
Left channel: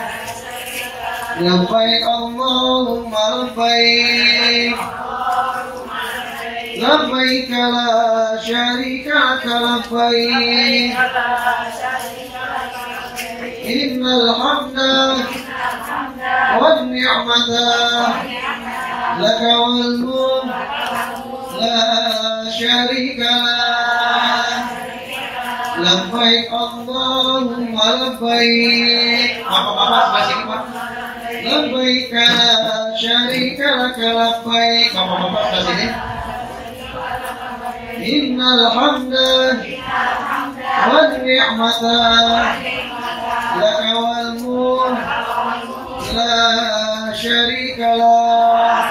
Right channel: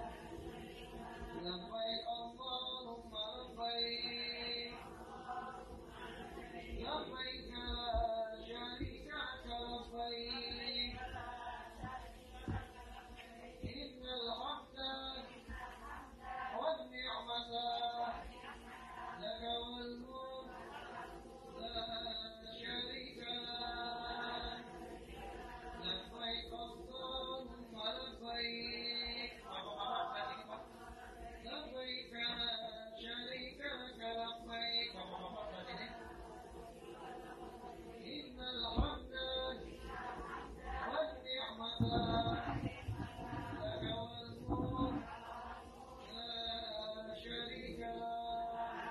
Labbaik Allahumma labbaik. Labbaik la syarika laka labbaik. Innal hamda wan ni'mata laka wal mulk la syarika lak. Labbaik Allahumma labbaik. Bapak-bapak sebelah sini Pak. Labbaik la syarika laka labbaik. Bapak-bapak sebelah sini. Innal hamda wan ni'mata laka wal mulk la syarika lak.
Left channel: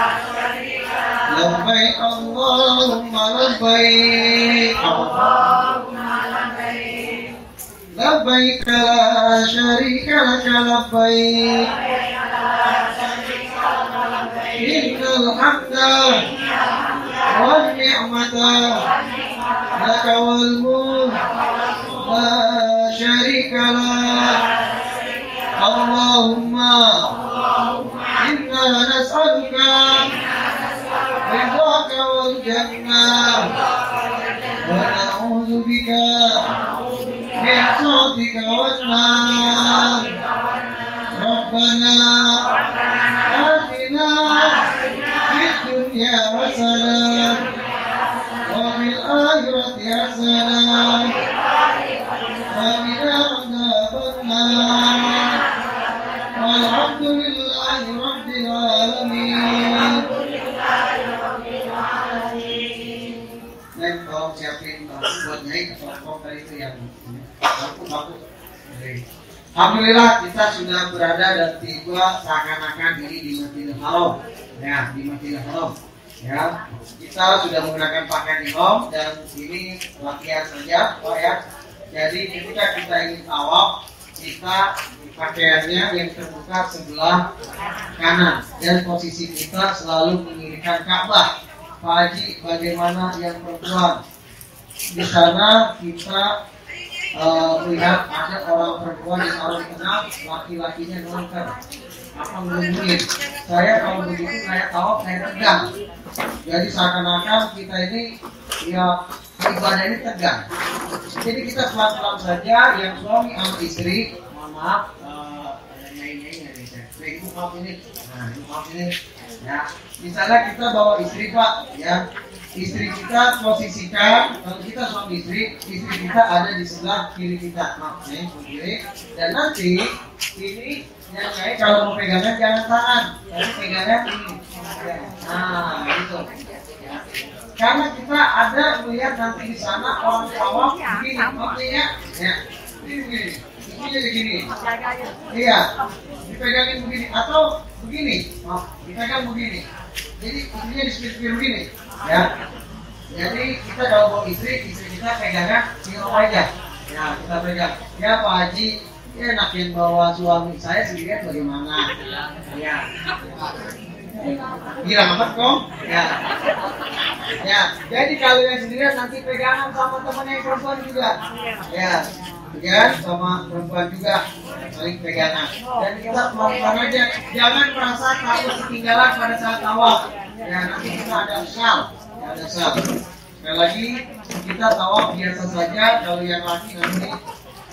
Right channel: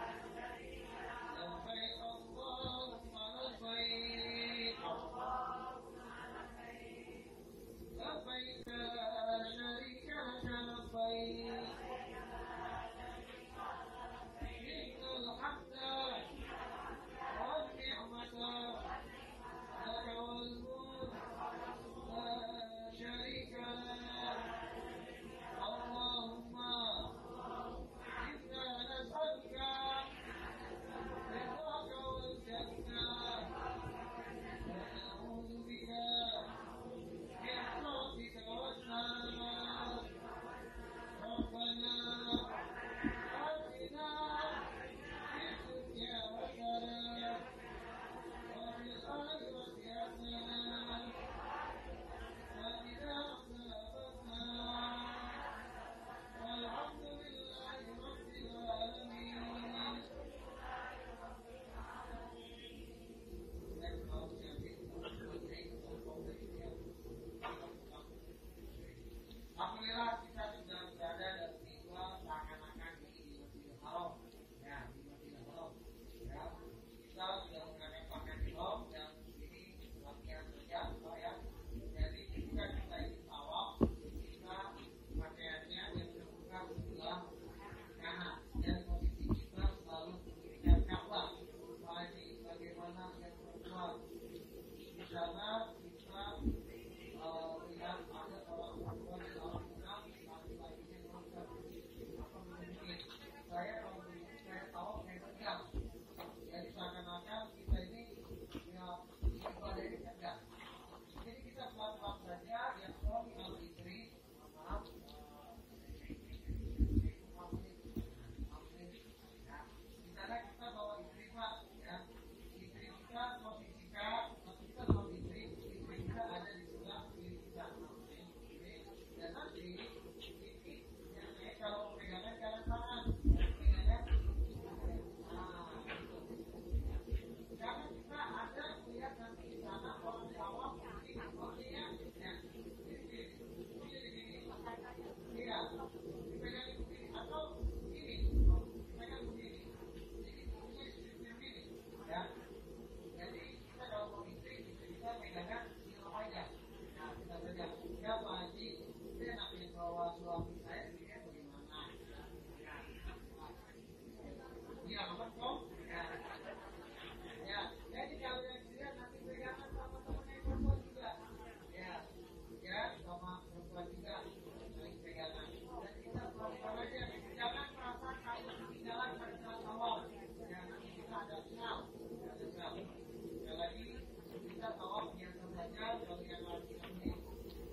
Labbaik Allahumma labbaik. Labbaik la syarika laka labbaik. Innal hamda wan ni'mata laka wal mulk la syarika lak. Allahumma inna nas'aluka ridhaka wal jannah wa na'udzu bika min sakhatika wan nar. Rabbana atina fid dunya hasanah wa fil akhirati hasanah wa qina adzabannar. Walhamdulillahi rabbil alamin. Neng, tolong siapin buat naik atau dari itu yang baku. Alhamdulillah kita sudah berada dan tiba seakan-akan ini di Masjidil Haram. Ya, di Masjidil Haram. Ya, kita sudah menggunakan pakaian ihram dan ini latihan saja, Pak ya. Jadi ketika kita ingin tawaf, kita pakaiannya yang terbuka sebelah kanan dan posisi kita selalu mengiringkan Ka'bah. Pak Haji, bagaimana yang perempuan? Di sana kita melihat ada orang perempuan yang harus dikenal, laki-lakinya nonton apa melindungi. Saya kalau begitu saya tawaf saya tegang. Jadi seakan-akan kita ini ya ibadah ini tegang. Jadi kita pelan-pelan saja, yang suami sama istri, mohon maaf, maaf ini, ya. Misalnya kita bawa istri Pak, ya. Istri kita posisikan, kalau kita suami istri kita ada di sebelah kiri kita, maaf nih, kiri. Dan nanti ini yang kayak kalau mau pegangan jangan tangan, tapi pegangan ini. Nah, gitu. Karena kita ada melihat nanti di sana orang tawaf begini, maksudnya, ya, ini jadi gini, iya, dipegangin begini atau begini, maaf, dipegang begini. Jadi istrinya di begini. Ya, jadi kita kalau bawa istri kita pegangnya tinggal aja. Ya, kita pegang. Ya Pak Haji, ya enakin bawa suami saya sendirian bagaimana? Ya, girang amat kok. Ya, ya. Jadi kalau yang sendirian nanti pegangan sama temannya yang perempuan juga. Ya, pegangan sama perempuan juga saling pegangan. Dan kita pelan-pelan aja, jangan merasa takut ketinggalan pada saat tawaf. Ya, nanti kita ada sal. sekali lagi kita tawaf biasa saja. Kalau yang laki nanti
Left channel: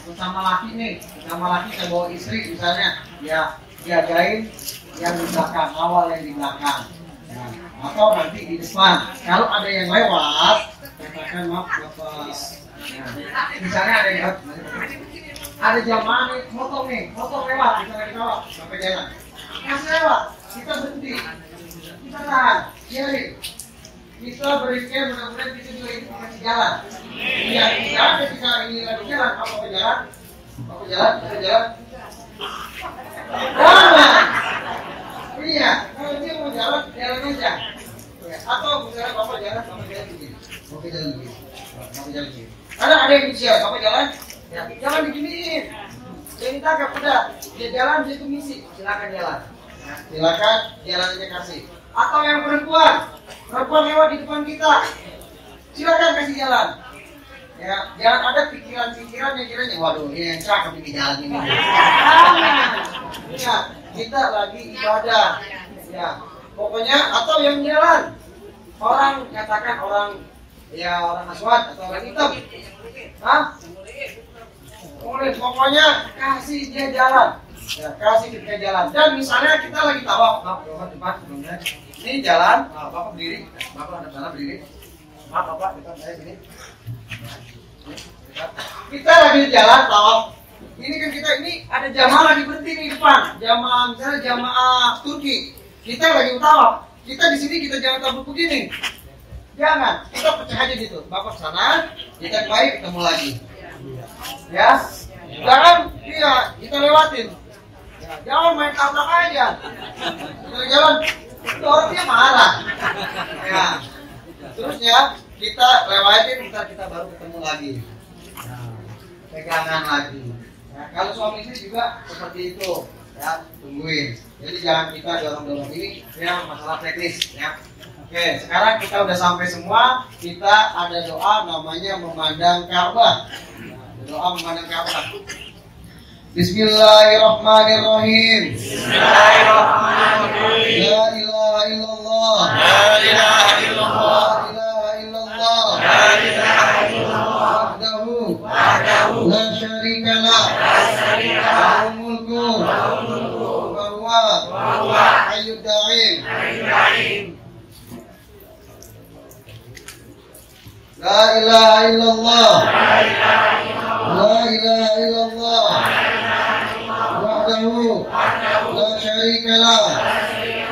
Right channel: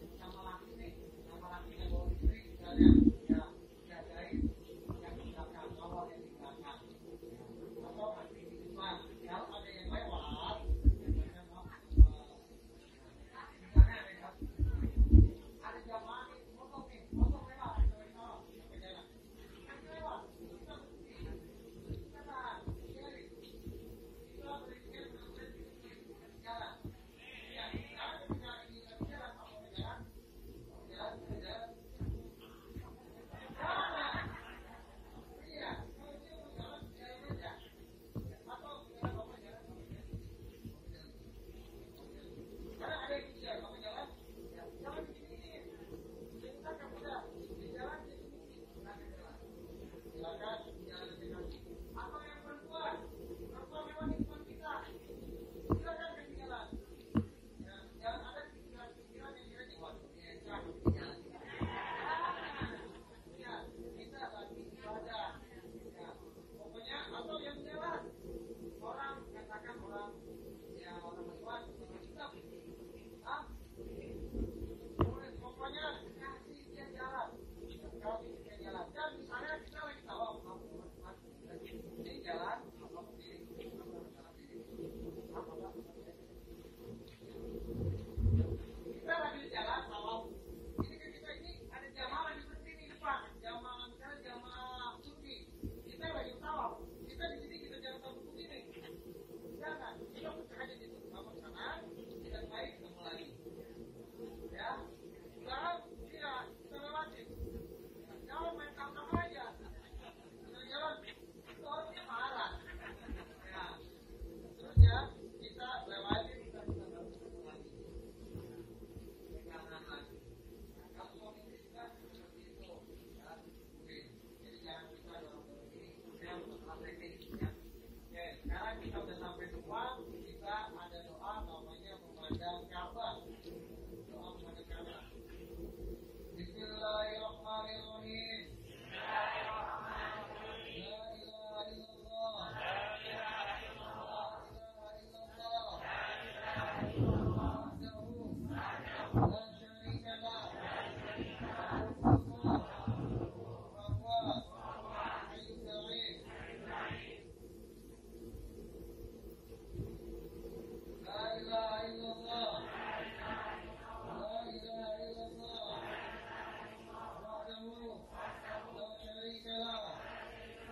bersama laki nih, sama laki saya bawa istri misalnya, ya jagain yang di belakang, awal yang di belakang. Nah, atau nanti di depan. Kalau ada yang lewat, katakan maaf bapak. Nah, misalnya ada jamaah nih, motor lewat, kita lagi tawaf sampai jalan. Yang lewat, kita berhenti, kita tahan, kiri. Kita berikan mudah-mudahan kita juga itu masih jalan. Ya, kita ketika ini lagi jalan, apa berjalan? Jalan. Iya, kalau dia mau jalan aja. Atau misalnya bapak jalan begini. Bapak jalan begini. Ada yang bisa, bapak jalan, ya, jalan beginiin. Jadi tangkap udah, dia jalan dia tuh misi, silakan jalan. Nah, silakan jalan aja kasih. Atau yang perempuan lewat di depan kita, silakan kasih jalan. Ya, jangan ada pikiran-pikiran yang kiranya, waduh, ini yang cakep bikin jalan ini. Ya, kita lagi ibadah. Ya, pokoknya atau yang jalan, orang katakan orang aswad atau orang hitam. Hah? Pokoknya kasih dia jalan. Ya, kasih kita jalan. Dan misalnya kita lagi tawaf, depan, ini jalan, bapak berdiri, bapak ada sana berdiri. Maaf bapak, depan saya sini. Kita lagi jalan tawaf. Ini kan kita ini ada jamaah lagi berhenti di depan. Jamaah misalnya jamaah Turki. Kita lagi tawaf. Kita di sini kita jangan tabuk begini. Jangan, kita pecah aja gitu. Bapak sana, kita baik ketemu lagi. Ya, jangan kita lewatin. Ya, jangan main tabrak aja. Kita jalan, itu orangnya marah. Ya, terusnya kita lewatin, kita baru ketemu lagi. Pegangan lagi. Ya, kalau suami istri juga seperti itu, ya tungguin. Jadi jangan kita dorong-dorong ini, yang masalah teknis. Ya. Oke, sekarang kita udah sampai semua. Kita ada doa namanya memandang Ka'bah. Doa memandang Ka'bah. Bismillahirrahmanirrahim. Bismillahirrahmanirrahim. La ilaha illallah. La ilaha illallah. La ilaha illallah. La ilaha illallah. Wahdahu. La syarika lah. La syarika lah. Mulku. Wa huwa. Hayyud da'im. La ilaha illallah. La ilaha illallah. Wahdahu la syarika lah.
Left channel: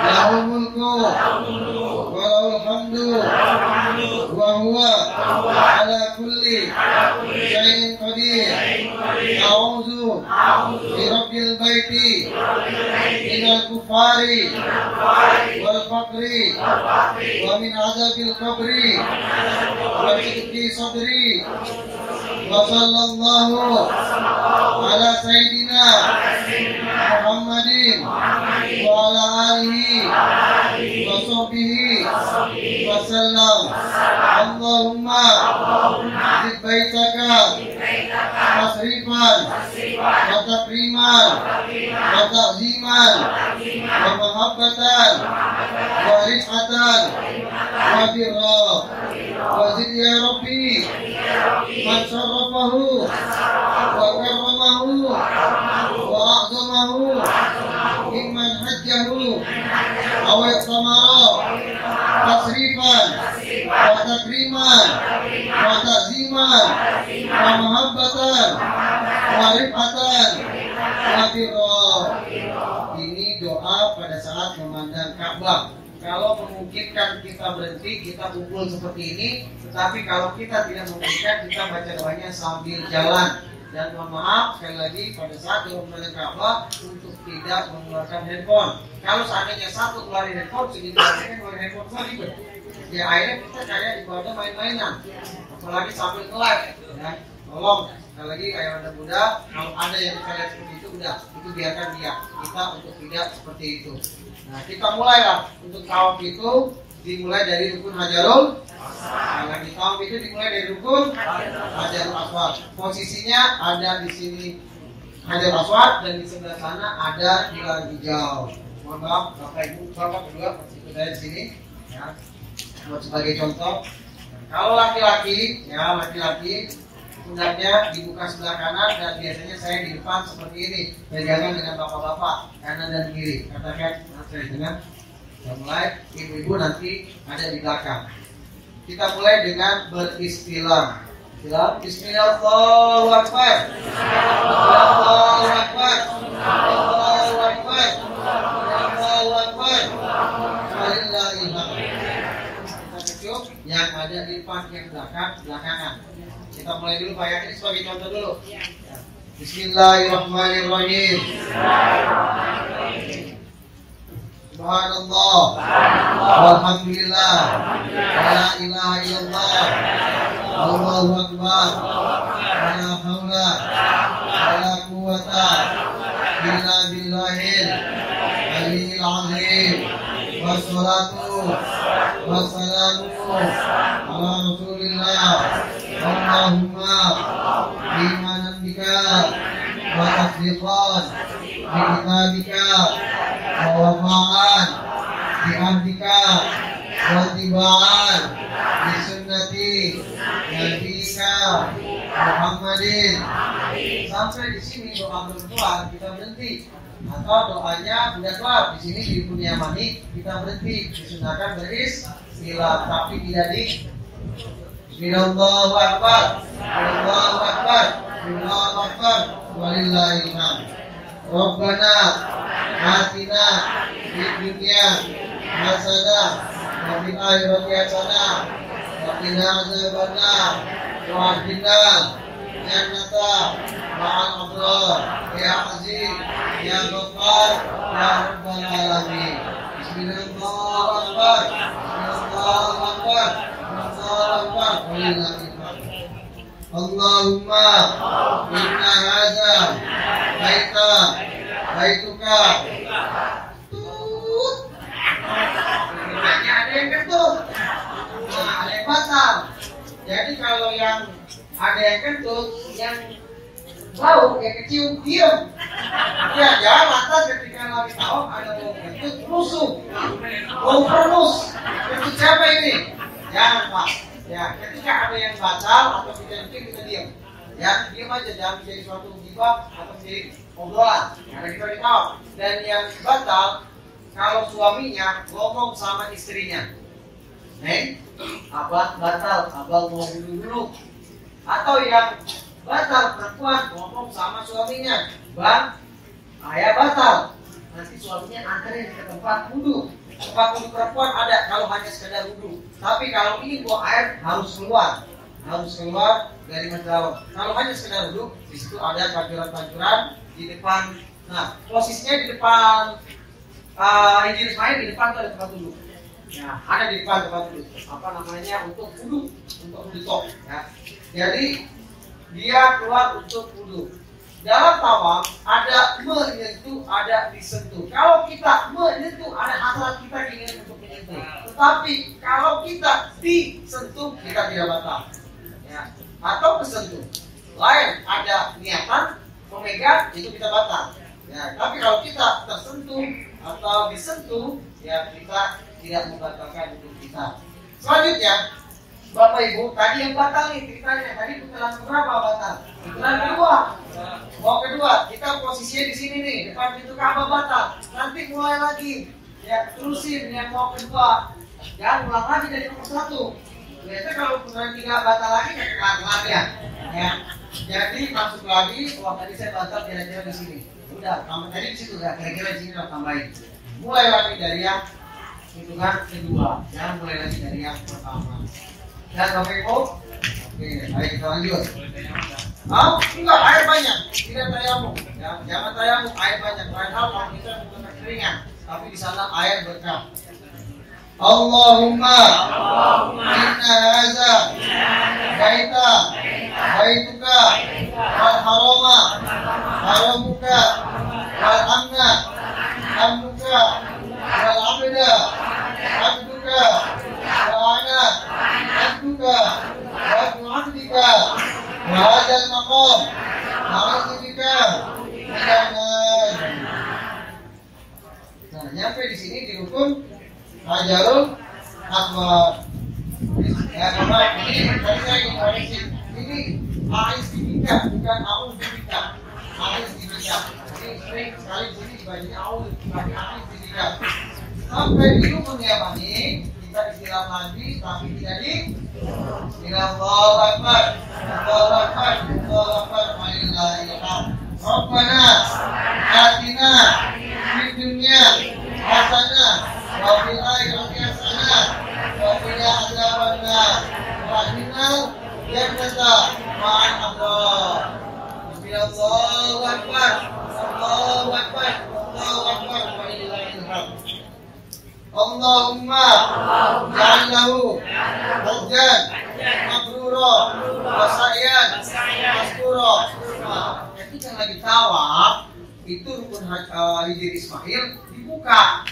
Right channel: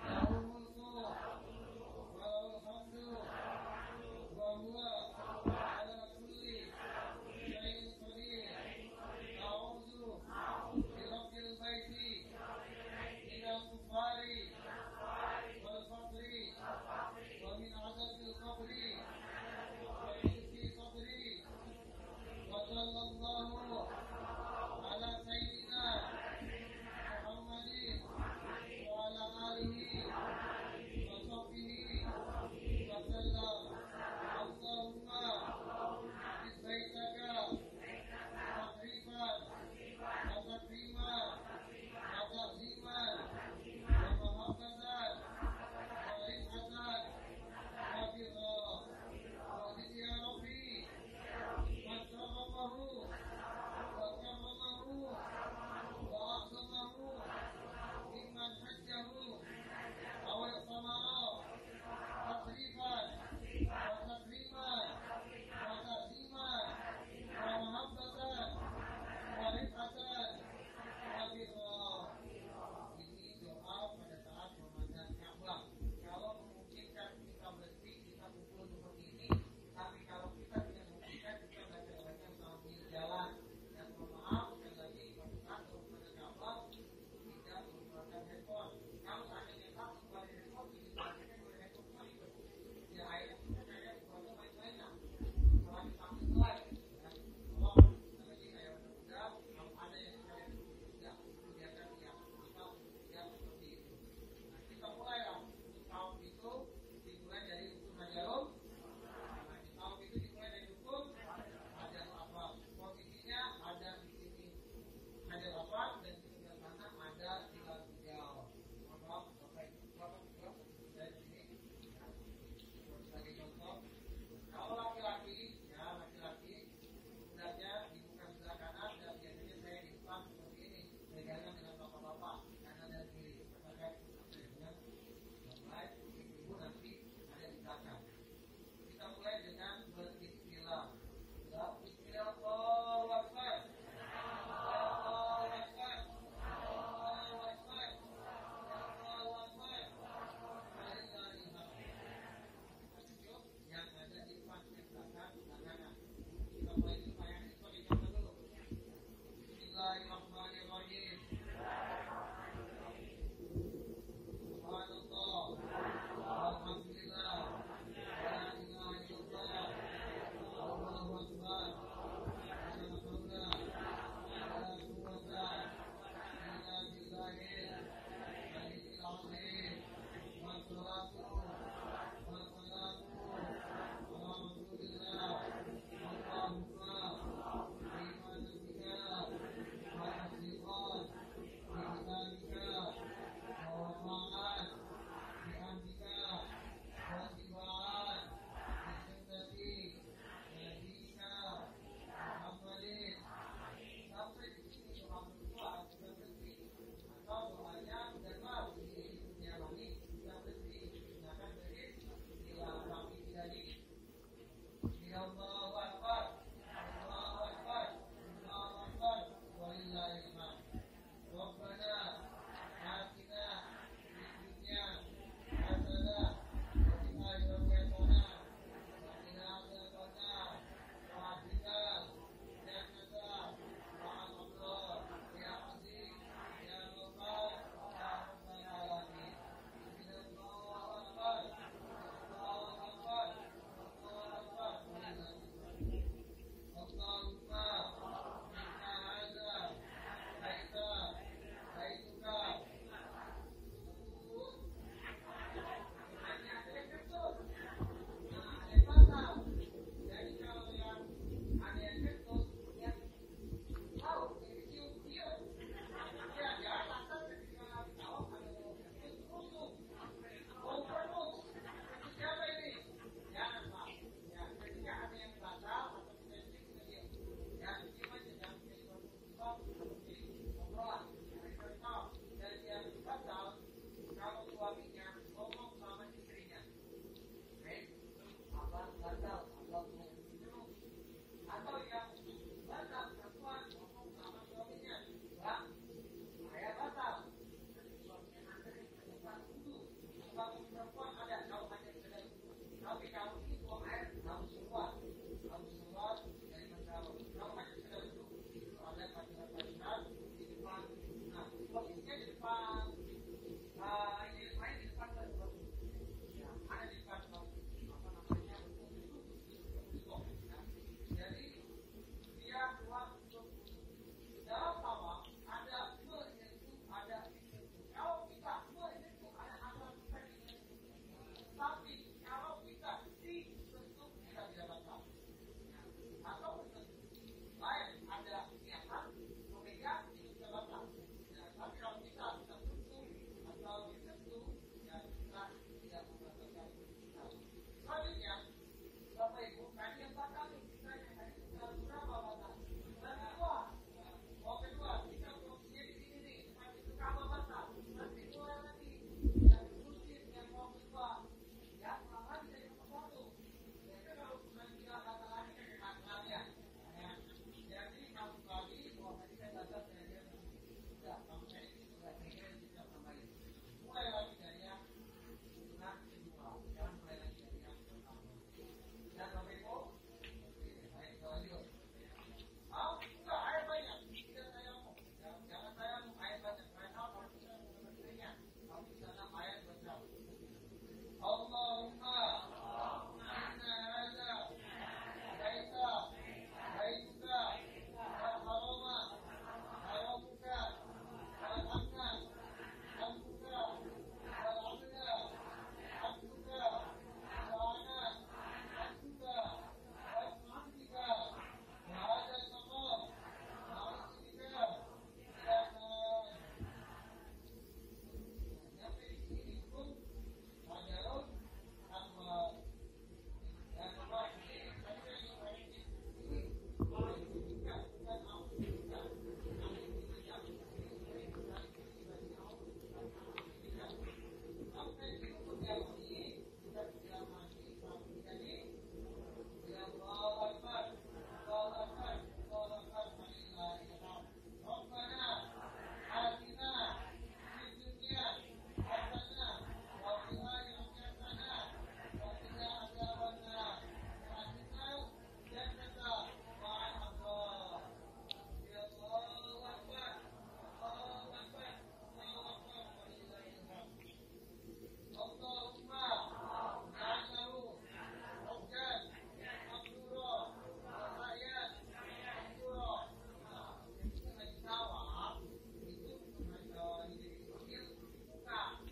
Lahul mulku wa lahul hamdu wa huwa ala kulli syai'in qadir. A'udzu bi rabbil baiti minal kufari wal faqri wa min azabil qabri wa sidqi sadri. Wa sallallahu ala sayyidina Muhammadin wa ala alihi wa sahbihi wa sallam. Allahumma zid baitaka tasrifan wa takriman wa ta'ziman wa mahabbatan wa rifatan wa birra wa zid ya Rabbi man syarrafahu wa karramahu wa a'zamahu mimman hajjahu aw iqtamara tasrifan wa takriman wa ta'ziman wa mahabbatan wa rifatan wa birra. Ini doa pada saat memandang Ka'bah. Kalau memungkinkan kita berhenti, kita kumpul seperti ini. Tetapi kalau kita tidak memungkinkan, kita baca doanya sambil jalan. Dan mohon maaf sekali lagi pada saat memandang Ka'bah untuk tidak mengeluarkan handphone. Kalau seandainya satu keluarin handphone, segitu aja keluarin handphone semua ribet. Ya akhirnya kita kayak ibadah main-mainan. Apalagi sambil nge-live. Ya, tolong sekali lagi kayak ada muda, kalau ada yang kita lihat seperti itu udah, itu biarkan dia. Kita untuk tidak seperti itu. Nah, kita mulailah untuk tawaf itu dimulai dari rukun Hajarul. Kalau di tawaf itu dimulai dari rukun Hajarul Aswad. Posisinya ada di sini Hajarul Aswad dan di sebelah sana ada pilar hijau. Mohon maaf, Bapak Ibu, Bapak kedua, ikut saya di sini. Ya, buat sebagai contoh. Kalau laki-laki, ya laki-laki pundaknya dibuka sebelah kanan dan biasanya saya di depan seperti ini, pegangan dengan bapak-bapak kanan dan kiri. Katakan, saya dengan mulai, ibu-ibu nanti ada di belakang. Kita mulai dengan beristilam. Bismillah, Allahu Akbar. Allahu Akbar. Allahu Akbar. Allahu Akbar. Yang ada di depan yang belakangan. Kita mulai dulu Pak Yakin sebagai contoh dulu. Bismillahirrahmanirrahim. Subhanallah. Walhamdulillah. La ilaha illallah. Allahu Akbar. La haula wala quwwata illa billahil aliyyil azim. Wassalatu wassalamu ala Rasulillah. Allahumma bimanan bika wa tasdiqan bi kitabika wa wafa'an bi ahdika wa tiba'an bi sunnati nabika Muhammadin. Sampai di sini doa berdua kita berhenti, atau doanya sudah kelar di sini di dunia mani kita berhenti, disunahkan beristilah tapi tidak di Allahu Akbar, Allahu Akbar, Allahu Akbar, walillahil hamd. Rabbana atina fid dunya hasanah wa fil akhirati hasanah wa qina adzabannar wa qina jannata ma'al abrar ya aziz ya ghaffar ya rabbal alamin. Bismillahirrahmanirrahim. Allahu Akbar. Allahumma inna hadza baituka. Ada yang kentut, ada yang batal. Jadi kalau yang ada yang kentut, yang bau, yang kecium, diam. Ya jangan lantas ketika lagi tawaf ada bau kentut, rusuh, bau perenus. Kentut siapa ini? Jangan Pak. Ya, ketika ada yang batal atau tidak mungkin kita diam. Ya, diam aja, jangan menjadi suatu gibah atau menjadi obrolan. Karena kita tahu. Dan yang batal, kalau suaminya ngomong sama istrinya, Neng, abah batal, abah mau dulu. Atau yang batal perempuan ngomong sama suaminya, Bang, ayah batal. Nanti suaminya anterin ke tempat wudhu. Tempat wudhu perempuan ada kalau hanya sekedar wudhu. Tapi kalau ini buang air harus keluar dari dalam. Kalau hanya sekedar wudhu, di situ ada pancuran-pancuran di depan. Nah, posisinya di depan Injil Ismail di depan ada tempat wudhu. Nah, ada di depan tempat wudhu. Apa namanya untuk wudhu tok. Ya. Jadi dia keluar untuk wudhu. Dalam tawaf ada menyentuh, ada disentuh. Kalau kita menyentuh, ada hasrat kita ingin untuk menyentuh. Tetapi kalau kita disentuh, kita tidak batal. Ya. Atau kesentuh. Lain ada niatan memegang, itu kita batal. Ya. Tapi kalau kita tersentuh atau disentuh, ya kita tidak membatalkan untuk kita. Selanjutnya, Bapak Ibu, tadi yang batal nih ceritanya. Tadi putaran berapa batal? Putaran kedua. Kedua, kita posisinya di sini nih, depan pintu Ka'bah batal. Nanti mulai lagi, ya terusin yang mau kedua. Jangan ulang lagi dari nomor 1. Biasanya kalau putaran 3 batal lagi, ya kelar ya. Jadi masuk lagi. Wah tadi saya batal kira-kira di sini. Udah, tambah tadi di situ ya. Kira-kira di sini udah tambahin. Mulai lagi dari yang hitungan kedua. Jangan mulai lagi dari yang pertama. Dan Bapak Ibu, oke, baik kita lanjut. Enggak, air banyak, tidak tayamum. Ya, jangan tayamum, air banyak. Lain hal kalau kita menggunakan keringan, tapi di sana air berkah. Allahumma inna hadza baituka wal harama haramuka wal amna amnuka wal abda abduka wa ana abduka wa abdika wa hadzal maqam ma'adzika minan. Nah, nyampe di sini di rukun Hajarul Aswad. Ya, ini sering sekali di sini dibagi awal, dibagi alif tidak. Sampai di rukun ya bani, kita istilah lagi tapi tidak di. Allahu Akbar, Allahu Akbar, Allahu Akbar, Alhamdulillah. Rabbana atina fid dunya hasanah wa fil akhirati hasanah wa qina adzabannar wa qina jannata ma'al abrar. Allahu Akbar, Allahu Akbar, Allahu Akbar, walillahilhamd. Allahumma ja'allahu hajjan mabrura wa sa'yan maskura. Ketika lagi tawaf itu rukun hijri Ismail dibuka,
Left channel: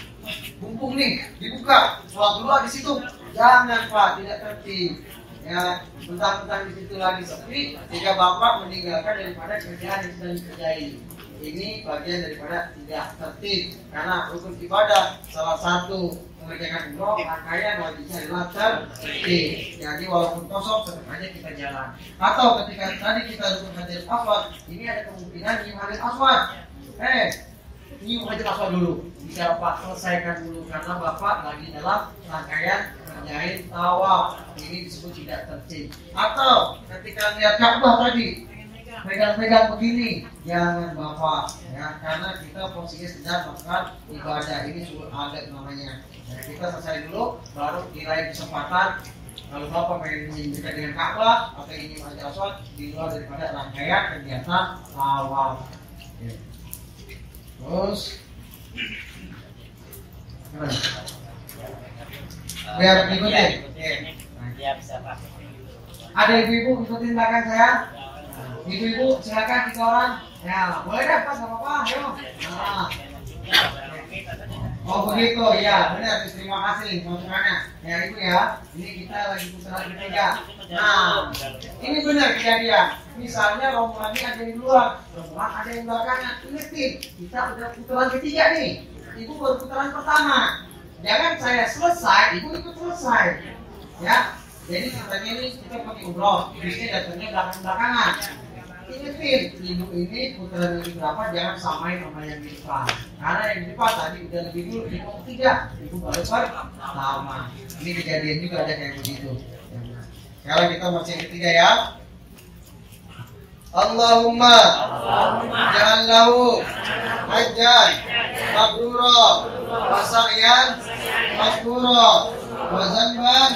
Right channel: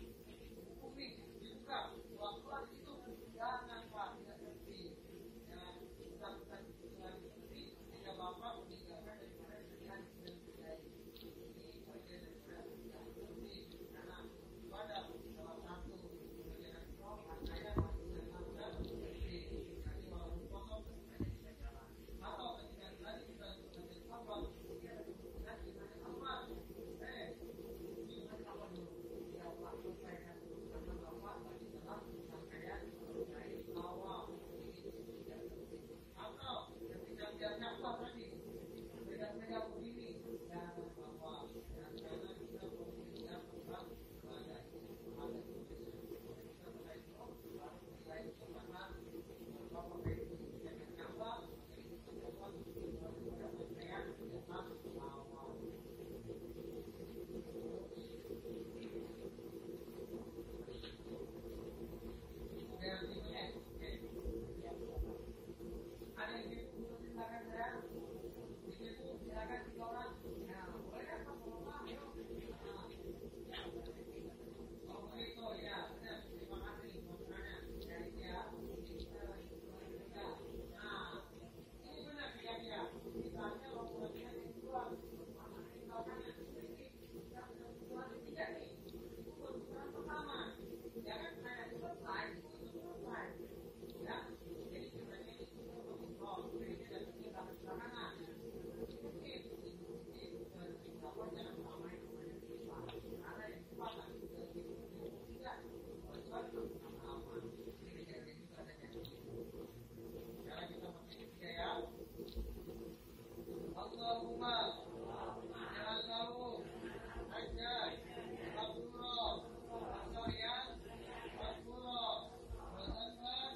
mumpung nih dibuka, sholat dulu di situ. Jangan Pak, tidak tertib. Ya, mentang-mentang di situ lagi sepi, jika Bapak meninggalkan daripada kerjaan yang sedang dikerjai. Ini bagian daripada tidak tertib, karena rukun ibadah salah satu mengerjakan umroh rangkaian wajibnya adalah tertib. Jadi walaupun kosong tetap aja kita jalan. Atau ketika tadi kita rukun hajar aswad, ini ada kemungkinan nyium hajar aswad. Nyium hajar aswad dulu. Bisa Pak selesaikan dulu karena Bapak lagi dalam rangkaian kerjain tawaf. Ini disebut tidak tertib. Atau ketika lihat Ka'bah tadi pegang-pegang begini, jangan Bapak ya, karena kita posisinya sedang melakukan ibadah. Ini sudah adat namanya. Nah, kita selesai dulu baru diraih kesempatan. Kalau Bapak pengen dekat dengan Ka'bah atau ini hajar aswad di luar daripada rangkaian kegiatan tawaf. Terus biar ikutin. Ya bisa Pak. Ada ibu-ibu ikutin belakang saya. Ibu-ibu silakan 3 orang. Ya boleh deh Pak, nggak apa-apa. Ayo. Nah. Oh begitu ya, benar. Terima kasih masukannya. Ya ibu ya. Ini kita lagi putaran ketiga. Nah, ini benar kejadian. Misalnya rombongan ini ada di luar, rombongan ada yang belakangnya. Ingetin, kita udah putaran ketiga nih. Ibu baru putaran pertama. Jangan saya selesai, ibu ikut selesai. Ya, jadi ceritanya ini kita pakai umroh, biasanya datangnya belakang-belakangan. Ingetin, ibu ini putaran yang berapa jangan samain sama yang di depan. Karena yang di depan tadi udah lebih dulu, ibu ketiga, ibu baru pertama. Ini kejadian juga ada kayak begitu. Sekarang kita baca yang ketiga ya. Allahumma ja'allahu hajjan mabrura wa sa'yan maskura wa zanban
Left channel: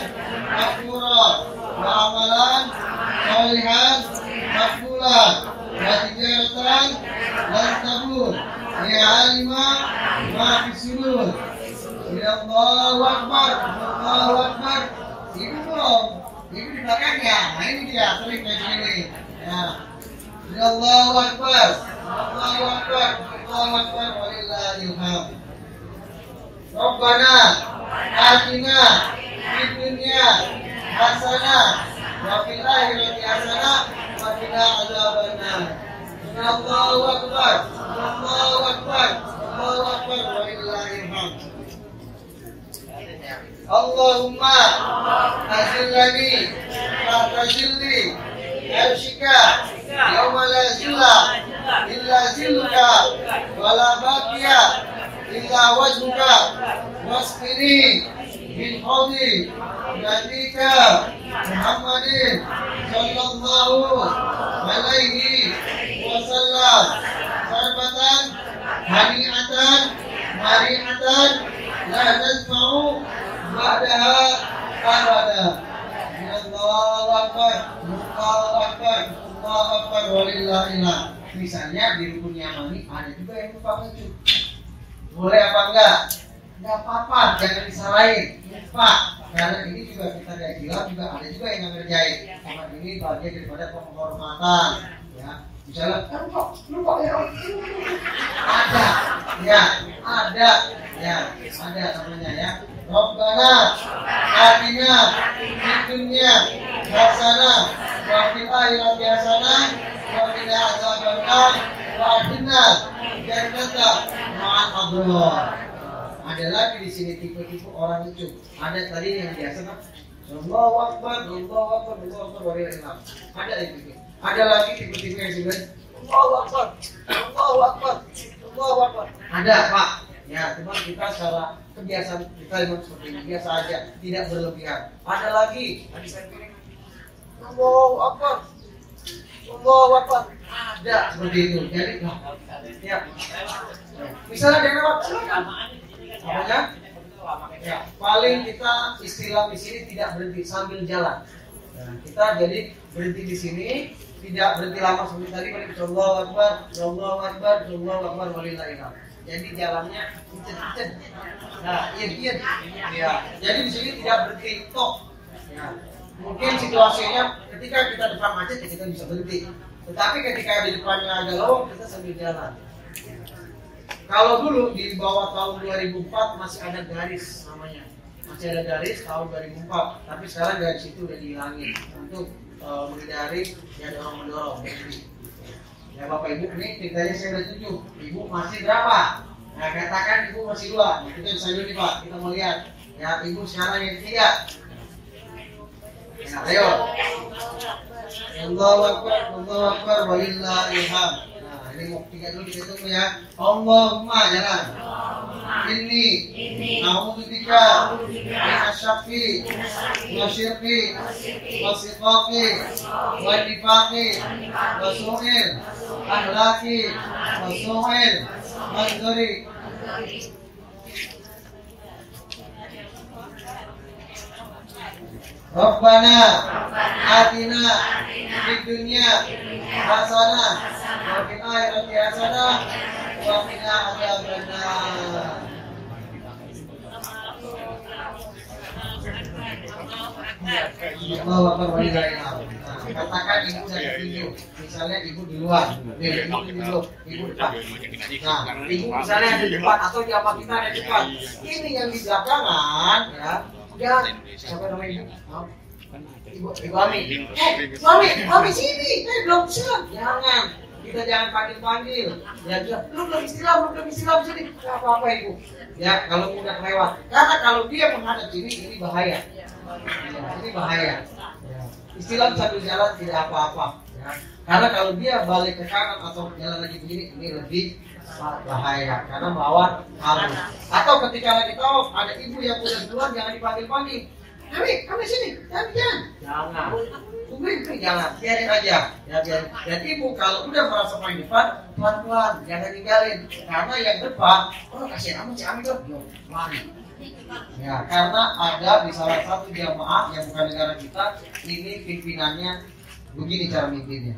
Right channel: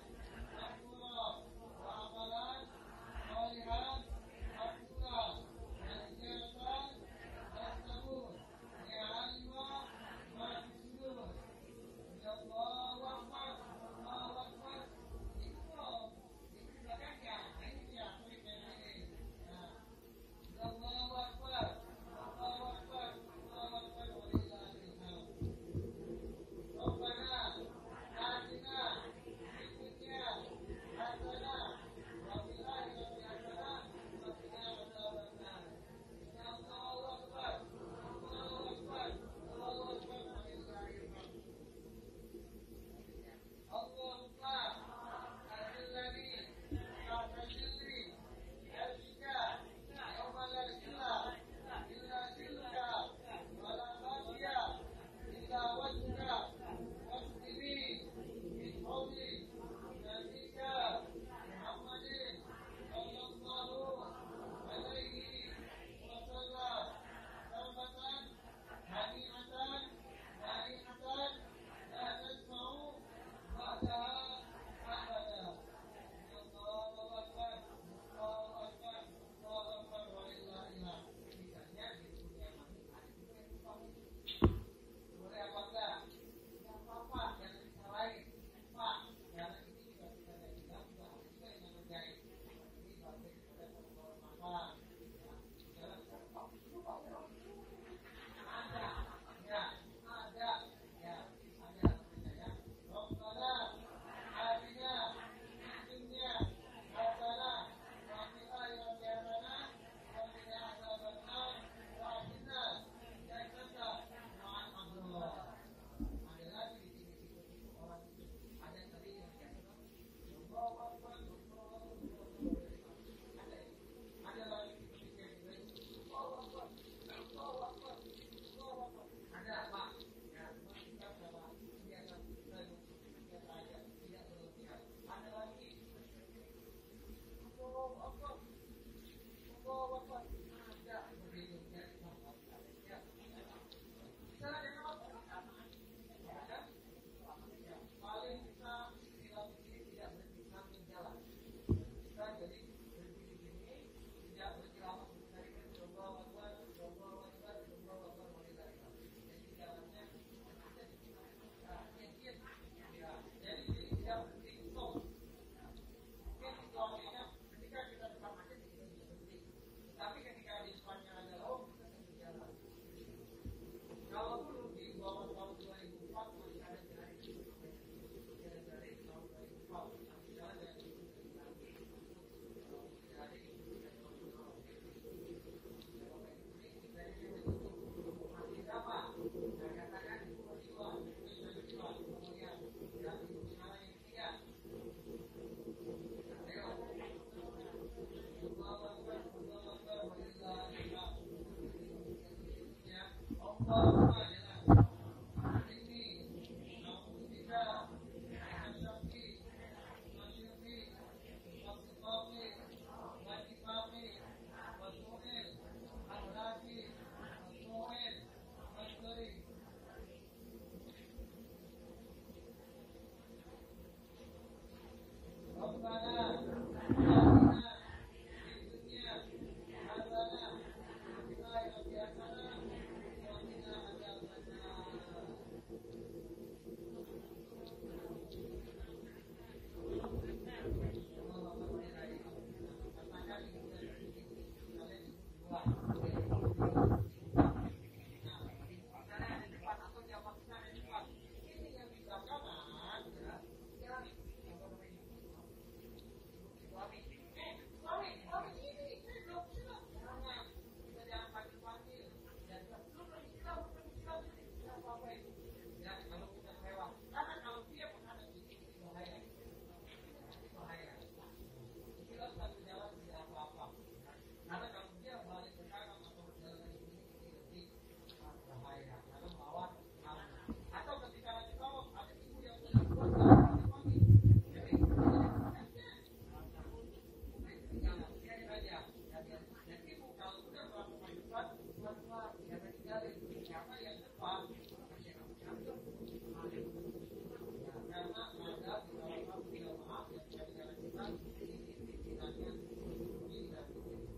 maskura wa amalan salihan makbula wa tijaratan lan tabur ya alima ma fi sudur. Allahu Akbar, Allahu Akbar. Ibu belum, ibu di belakangnya. Nah ini dia sering kayak gini. Ya. Allahu Akbar, Allahu Akbar, Allahu Akbar, walillahilhamd. Rabbana atina fid dunya hasanah wa fil akhirati hasanah wa qina adzabannar. Allahu Akbar, Allahu Akbar, Allahu Akbar, walillahilhamd. Allahumma azillani tahta zilli arshika yawma la zilla illa zilluka wa la baqiya illa wajhuka wasqini min hawdi nabika Muhammadin sallallahu alaihi wasallam sarbatan hani'atan mari'atan la nazma'u ba'daha abada. Allahu Akbar, Allahu Akbar, Allahu Akbar, walillahilhamd. Misalnya di rukun Yamani ada juga yang lupa wujud. Boleh apa enggak? Enggak apa-apa, jangan disalahin. Lupa. Karena ini juga kita kayak bilang juga ada juga yang ngerjain. Karena ini bagian daripada penghormatan. Ya, misalnya lupa ya. Ada, ya, ada, ya, ada namanya ya. Rabbana atina fid dunya hasanah wa fil akhirati hasanah wa qina adzabannar wa atina jannata ma'al abrar. Ada lagi di sini tipe-tipe orang lucu. Ada tadi yang biasa kan Allahu Akbar, Allahu Akbar, Allahu Akbar, walillahilhamd. Ada lagi. Ada lagi tipe-tipe yang juga Allahu Akbar, Allahu Akbar, Allahu ada Pak. Ya, cuma kita secara kebiasaan kita memang seperti ini, biasa aja, tidak berlebihan. Ada lagi, tadi saya pilih Allahu Akbar, Allahu Akbar, ada seperti itu. Jadi, ya, misalnya dia lewat, silakan. Apanya? Ya, paling kita istilah di sini tidak berhenti sambil jalan. Nah, kita jadi berhenti di sini, tidak berhenti lama seperti tadi. Allahu Akbar, Allahu Akbar, Allahu Akbar, walillahil hamd. Jadi jalannya kencet-kencet. Nah, iya. Ya. Jadi di sini tidak berhenti tok. Ya. Mungkin situasinya ketika kita depan macet ya kita bisa berhenti. Tetapi ketika di depannya ada lowong kita sambil jalan. Kalau dulu di bawah tahun 2004 masih ada garis namanya. Masih ada garis tahun 2004. Tapi sekarang garis itu udah dihilangin untuk menghindari yang dorong-mendorong. Ya Bapak Ibu, ini tingkatnya saya udah 7. Ibu masih berapa? Nah katakan Ibu masih 2. Nah, kita bisa dulu nih Pak, kita mau lihat. Ya Ibu sekarang yang 3. Nah, ayo. Allahu Akbar, walillahil hamd. Nah ini mau 3 dulu kita tunggu ya. Allahumma jalan. Ini A'udzubika minasy-syarri wasyirki wasiqaqi wanifaqi wasu'il akhlaqi wasu'il manzuri. Rabbana atina fid dunya hasanah wa fil akhirati hasanah wa qina adzabannar. Allahu Akbar, walillahil hamd. Katakan ibu dari pintu, misalnya ibu di luar, ibu di dulu, ibu depan. Nah, ibu misalnya ada di depan atau jamaah kita ada di depan. Ini yang di belakangan, ya, jangan. Siapa namanya ibu? Ibu Ami. Mami sini, belum siap. Jangan, kita jangan panggil. Ya, belum istilah sini. Apa ibu? Ya, kalau udah lewat. Karena kalau dia menghadap ini bahaya. Ya, ini bahaya. Ya. Istilah sambil jalan tidak apa-apa. Ya. Karena kalau dia balik ke kanan atau jalan lagi begini, ini lebih bahaya karena melawan arus. Atau ketika lagi tawaf ada ibu yang udah keluar jangan dipanggil. Kami sini, jangan. Tungguin jangan, biarin aja. Ya biarin. Dan ibu kalau udah merasa paling depan, pelan-pelan, jangan tinggalin. Karena yang depan, kasihan amat si Ami tuh, mari. Ya, karena ada di salah satu jamaah yang bukan negara kita, ini pimpinannya begini cara mimpinnya.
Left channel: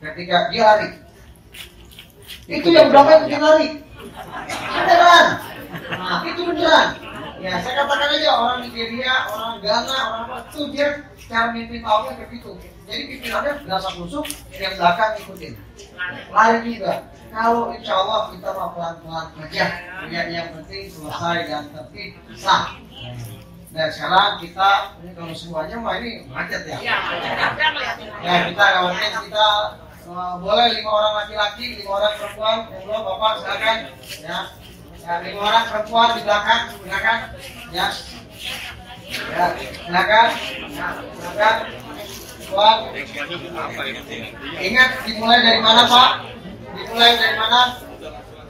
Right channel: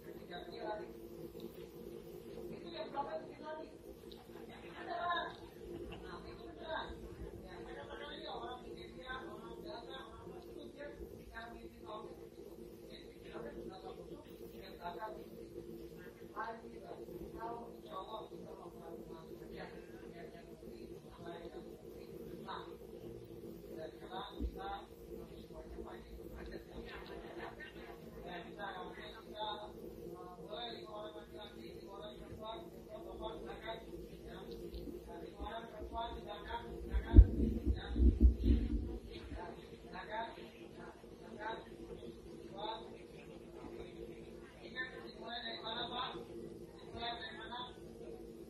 Ketika dia lari, itu yang belakang itu lari, beneran. Nah, itu beneran. Ya, saya katakan aja orang Nigeria, orang Ghana, orang apa itu dia cara mimpin tahunya kayak gitu. Jadi pimpinannya berasa kusuk, yang belakang ikutin. Lari juga. Kalau insya Allah kita mau pelan-pelan aja, ya yang penting selesai dan tertib sah. Dan sekarang kita ini kalau semuanya mah ini macet ya. Ya kita kawannya kita boleh 5 orang laki-laki, 5 orang perempuan. Monggo Bapak silakan. Ya, 5 orang perempuan di belakang, silakan. Ya, silakan. Silakan. Tuan. Ingat dimulai dari mana Pak? Dimulai dari mana?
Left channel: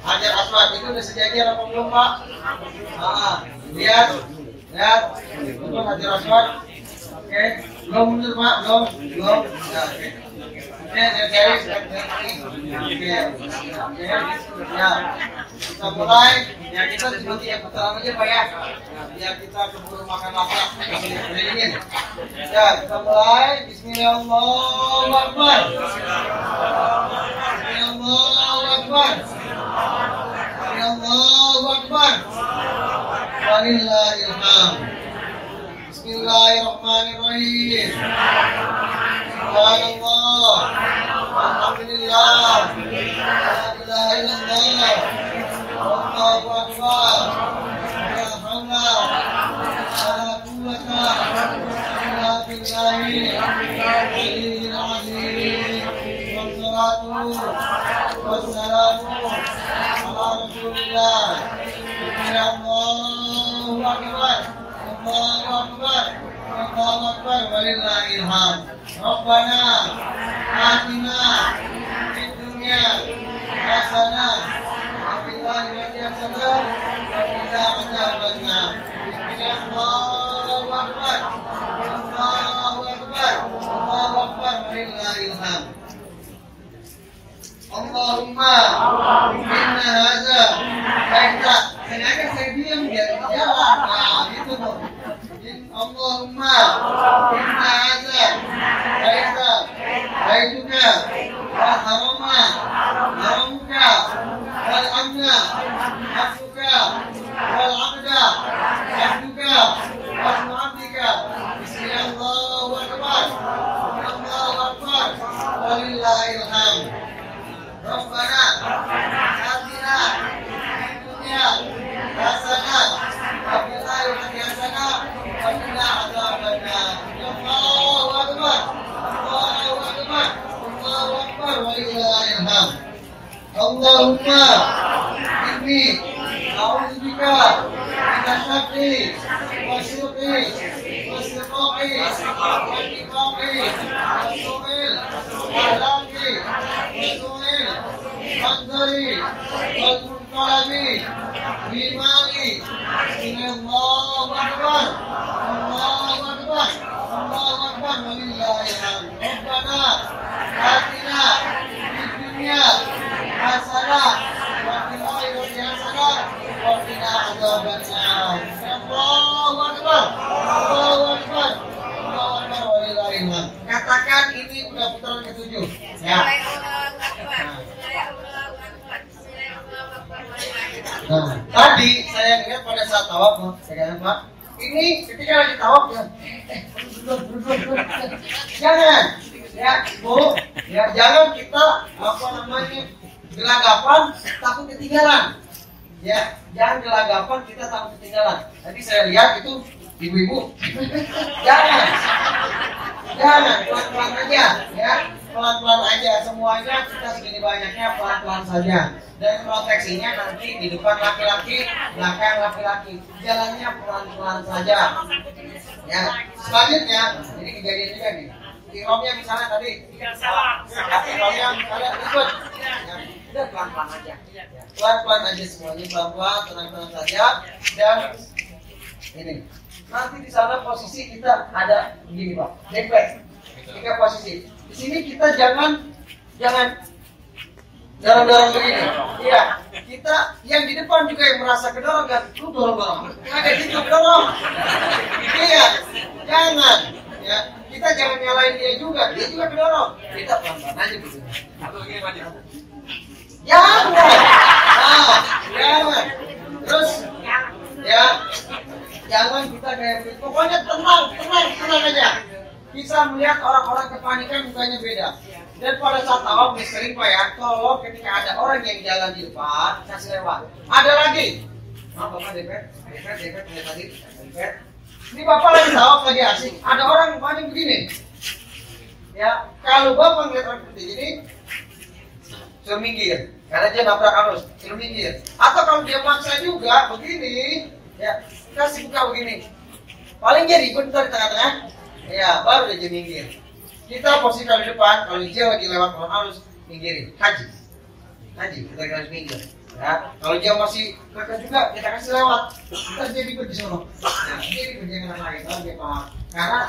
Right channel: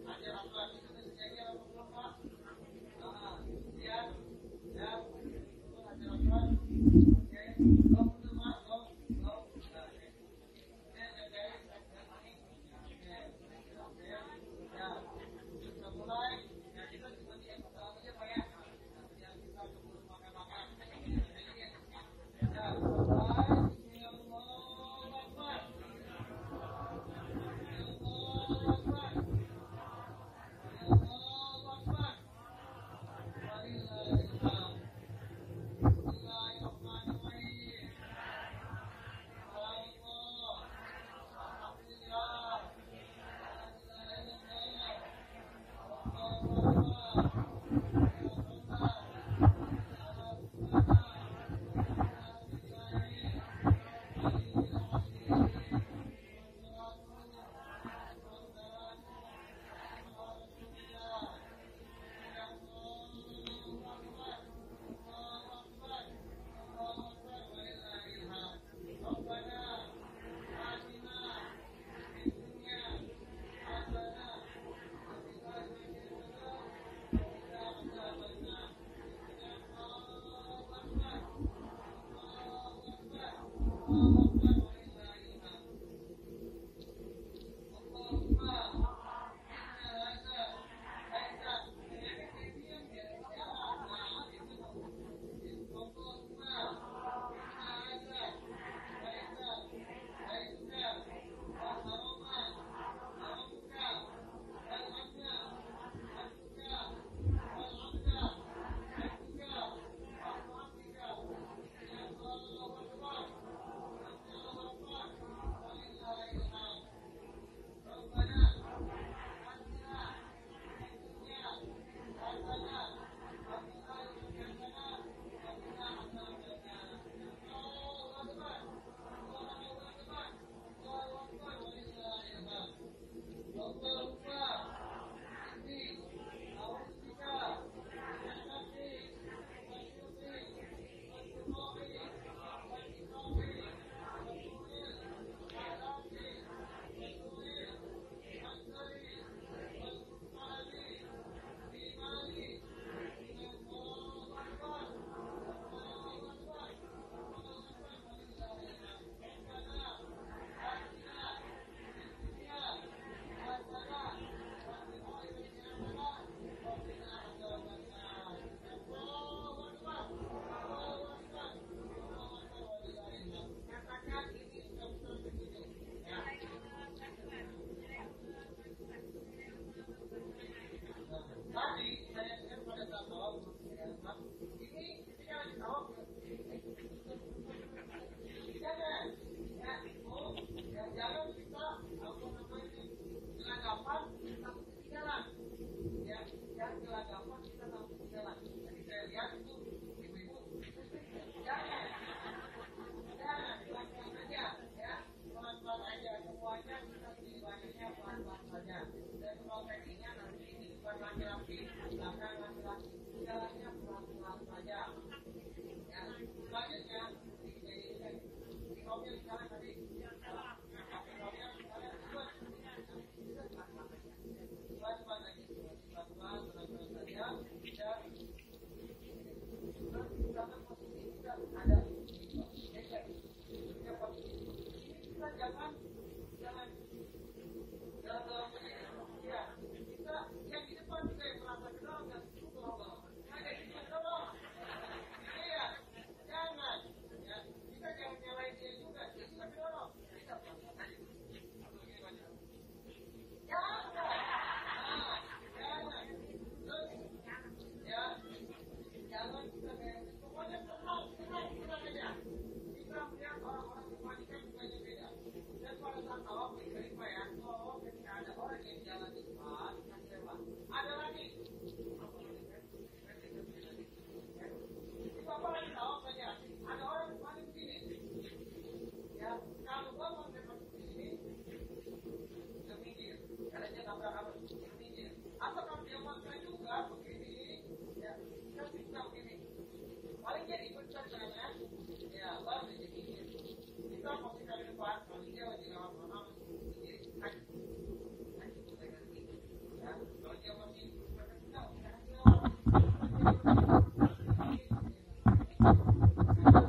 Hajar Aswad itu udah sejajar apa belum Pak? Lihat, itu Hajar Aswad. Oke, belum mundur Pak, belum. Ya, oke. Ya, kita mulai. Ya kita seperti yang pertama aja Pak ya. Ya kita keburu makan lapar. Ya kita mulai. Bismillahirrahmanirrahim. Allahu Akbar. Walillahil hamd. Bismillahirrahmanirrahim. Subhanallah. Alhamdulillah. La ilaha illallah. Allahu Akbar. La haula wala quwwata illa billahi al-aliyyil azim. Wassalamu ala Rasulillah. Allahu Akbar. Allahu Akbar. Walillahil hamd. Rabbana atina fid dunya hasanah wa fil akhirati hasanah ini Auzubika Minasyafi Wasyuki Wasyuki Wasyuki Wasu'il Wahlaki Wasu'il Wandari Walmunkalami Bimali Allahu Akbar Allahu Akbar Allahu Akbar Walillahilhamd. Rabbana atina fid dunya hasanah wa fil akhirati hasanah wa qina adzabannar. Allahu Akbar Allahu Akbar Allahu Akbar Walillahilhamd. Katakan ini udah putaran ke-7 ya. Nah, tadi saya ingat pada saat tawaf, saya katakan Pak, ini ketika lagi tawaf ya, jangan, ya Bu, ya jangan kita gelagapan takut ketinggalan, ya jangan gelagapan kita takut ketinggalan. Tadi saya lihat itu ibu-ibu, jangan pelan-pelan aja, ya pelan-pelan aja semuanya kita segini banyaknya pelan-pelan saja. Dan proteksinya nanti di depan laki-laki, belakang laki-laki. Jalannya pelan-pelan saja. Ya, selanjutnya, ini kejadian juga nih. Ihromnya misalnya tadi, ihromnya misalnya ikut. Ya, udah pelan-pelan aja. Pelan-pelan aja semuanya, pelan-pelan, tenang-tenang saja. Dan ini, nanti di sana posisi kita ada begini Pak, backpack. 3 posisi. Di sini kita jangan dorong-dorong begini. Iya, kita yang di depan juga yang merasa kedorong kan, lu dorong-dorong. Ada gitu dorong. Iya, jangan. Ya, kita jangan nyalain dia juga kedorong. Kita pelan-pelan aja gitu. Jangan. Nah, jangan. Terus, ya, jangan kita kayak begitu. Pokoknya tenang aja. Bisa melihat orang-orang kepanikan mukanya beda. Dan pada saat tawaf sering Pak ya, kalau ketika ada orang yang jalan di depan, kasih lewat. Ada lagi. Bapak depet tadi. Ini Bapak lagi tawaf lagi asik. Ada orang mukanya begini. Ya, kalau Bapak ngeliat orang seperti ini, suruh minggir. Karena dia nabrak arus, suruh minggir. Atau kalau dia maksa juga begini, ya kasih buka begini. Paling dia ribut di tengah-tengah. Ya, baru dia minggir. Kita posisi kalau di depan, kalau dia lagi lewat orang arus, minggirin. Haji, kita harus minggir. Ya, kalau dia masih kakak juga, kita kasih lewat. Terus dia ikut di sana. Nah, ini kerjaan yang lain, Pak. Karena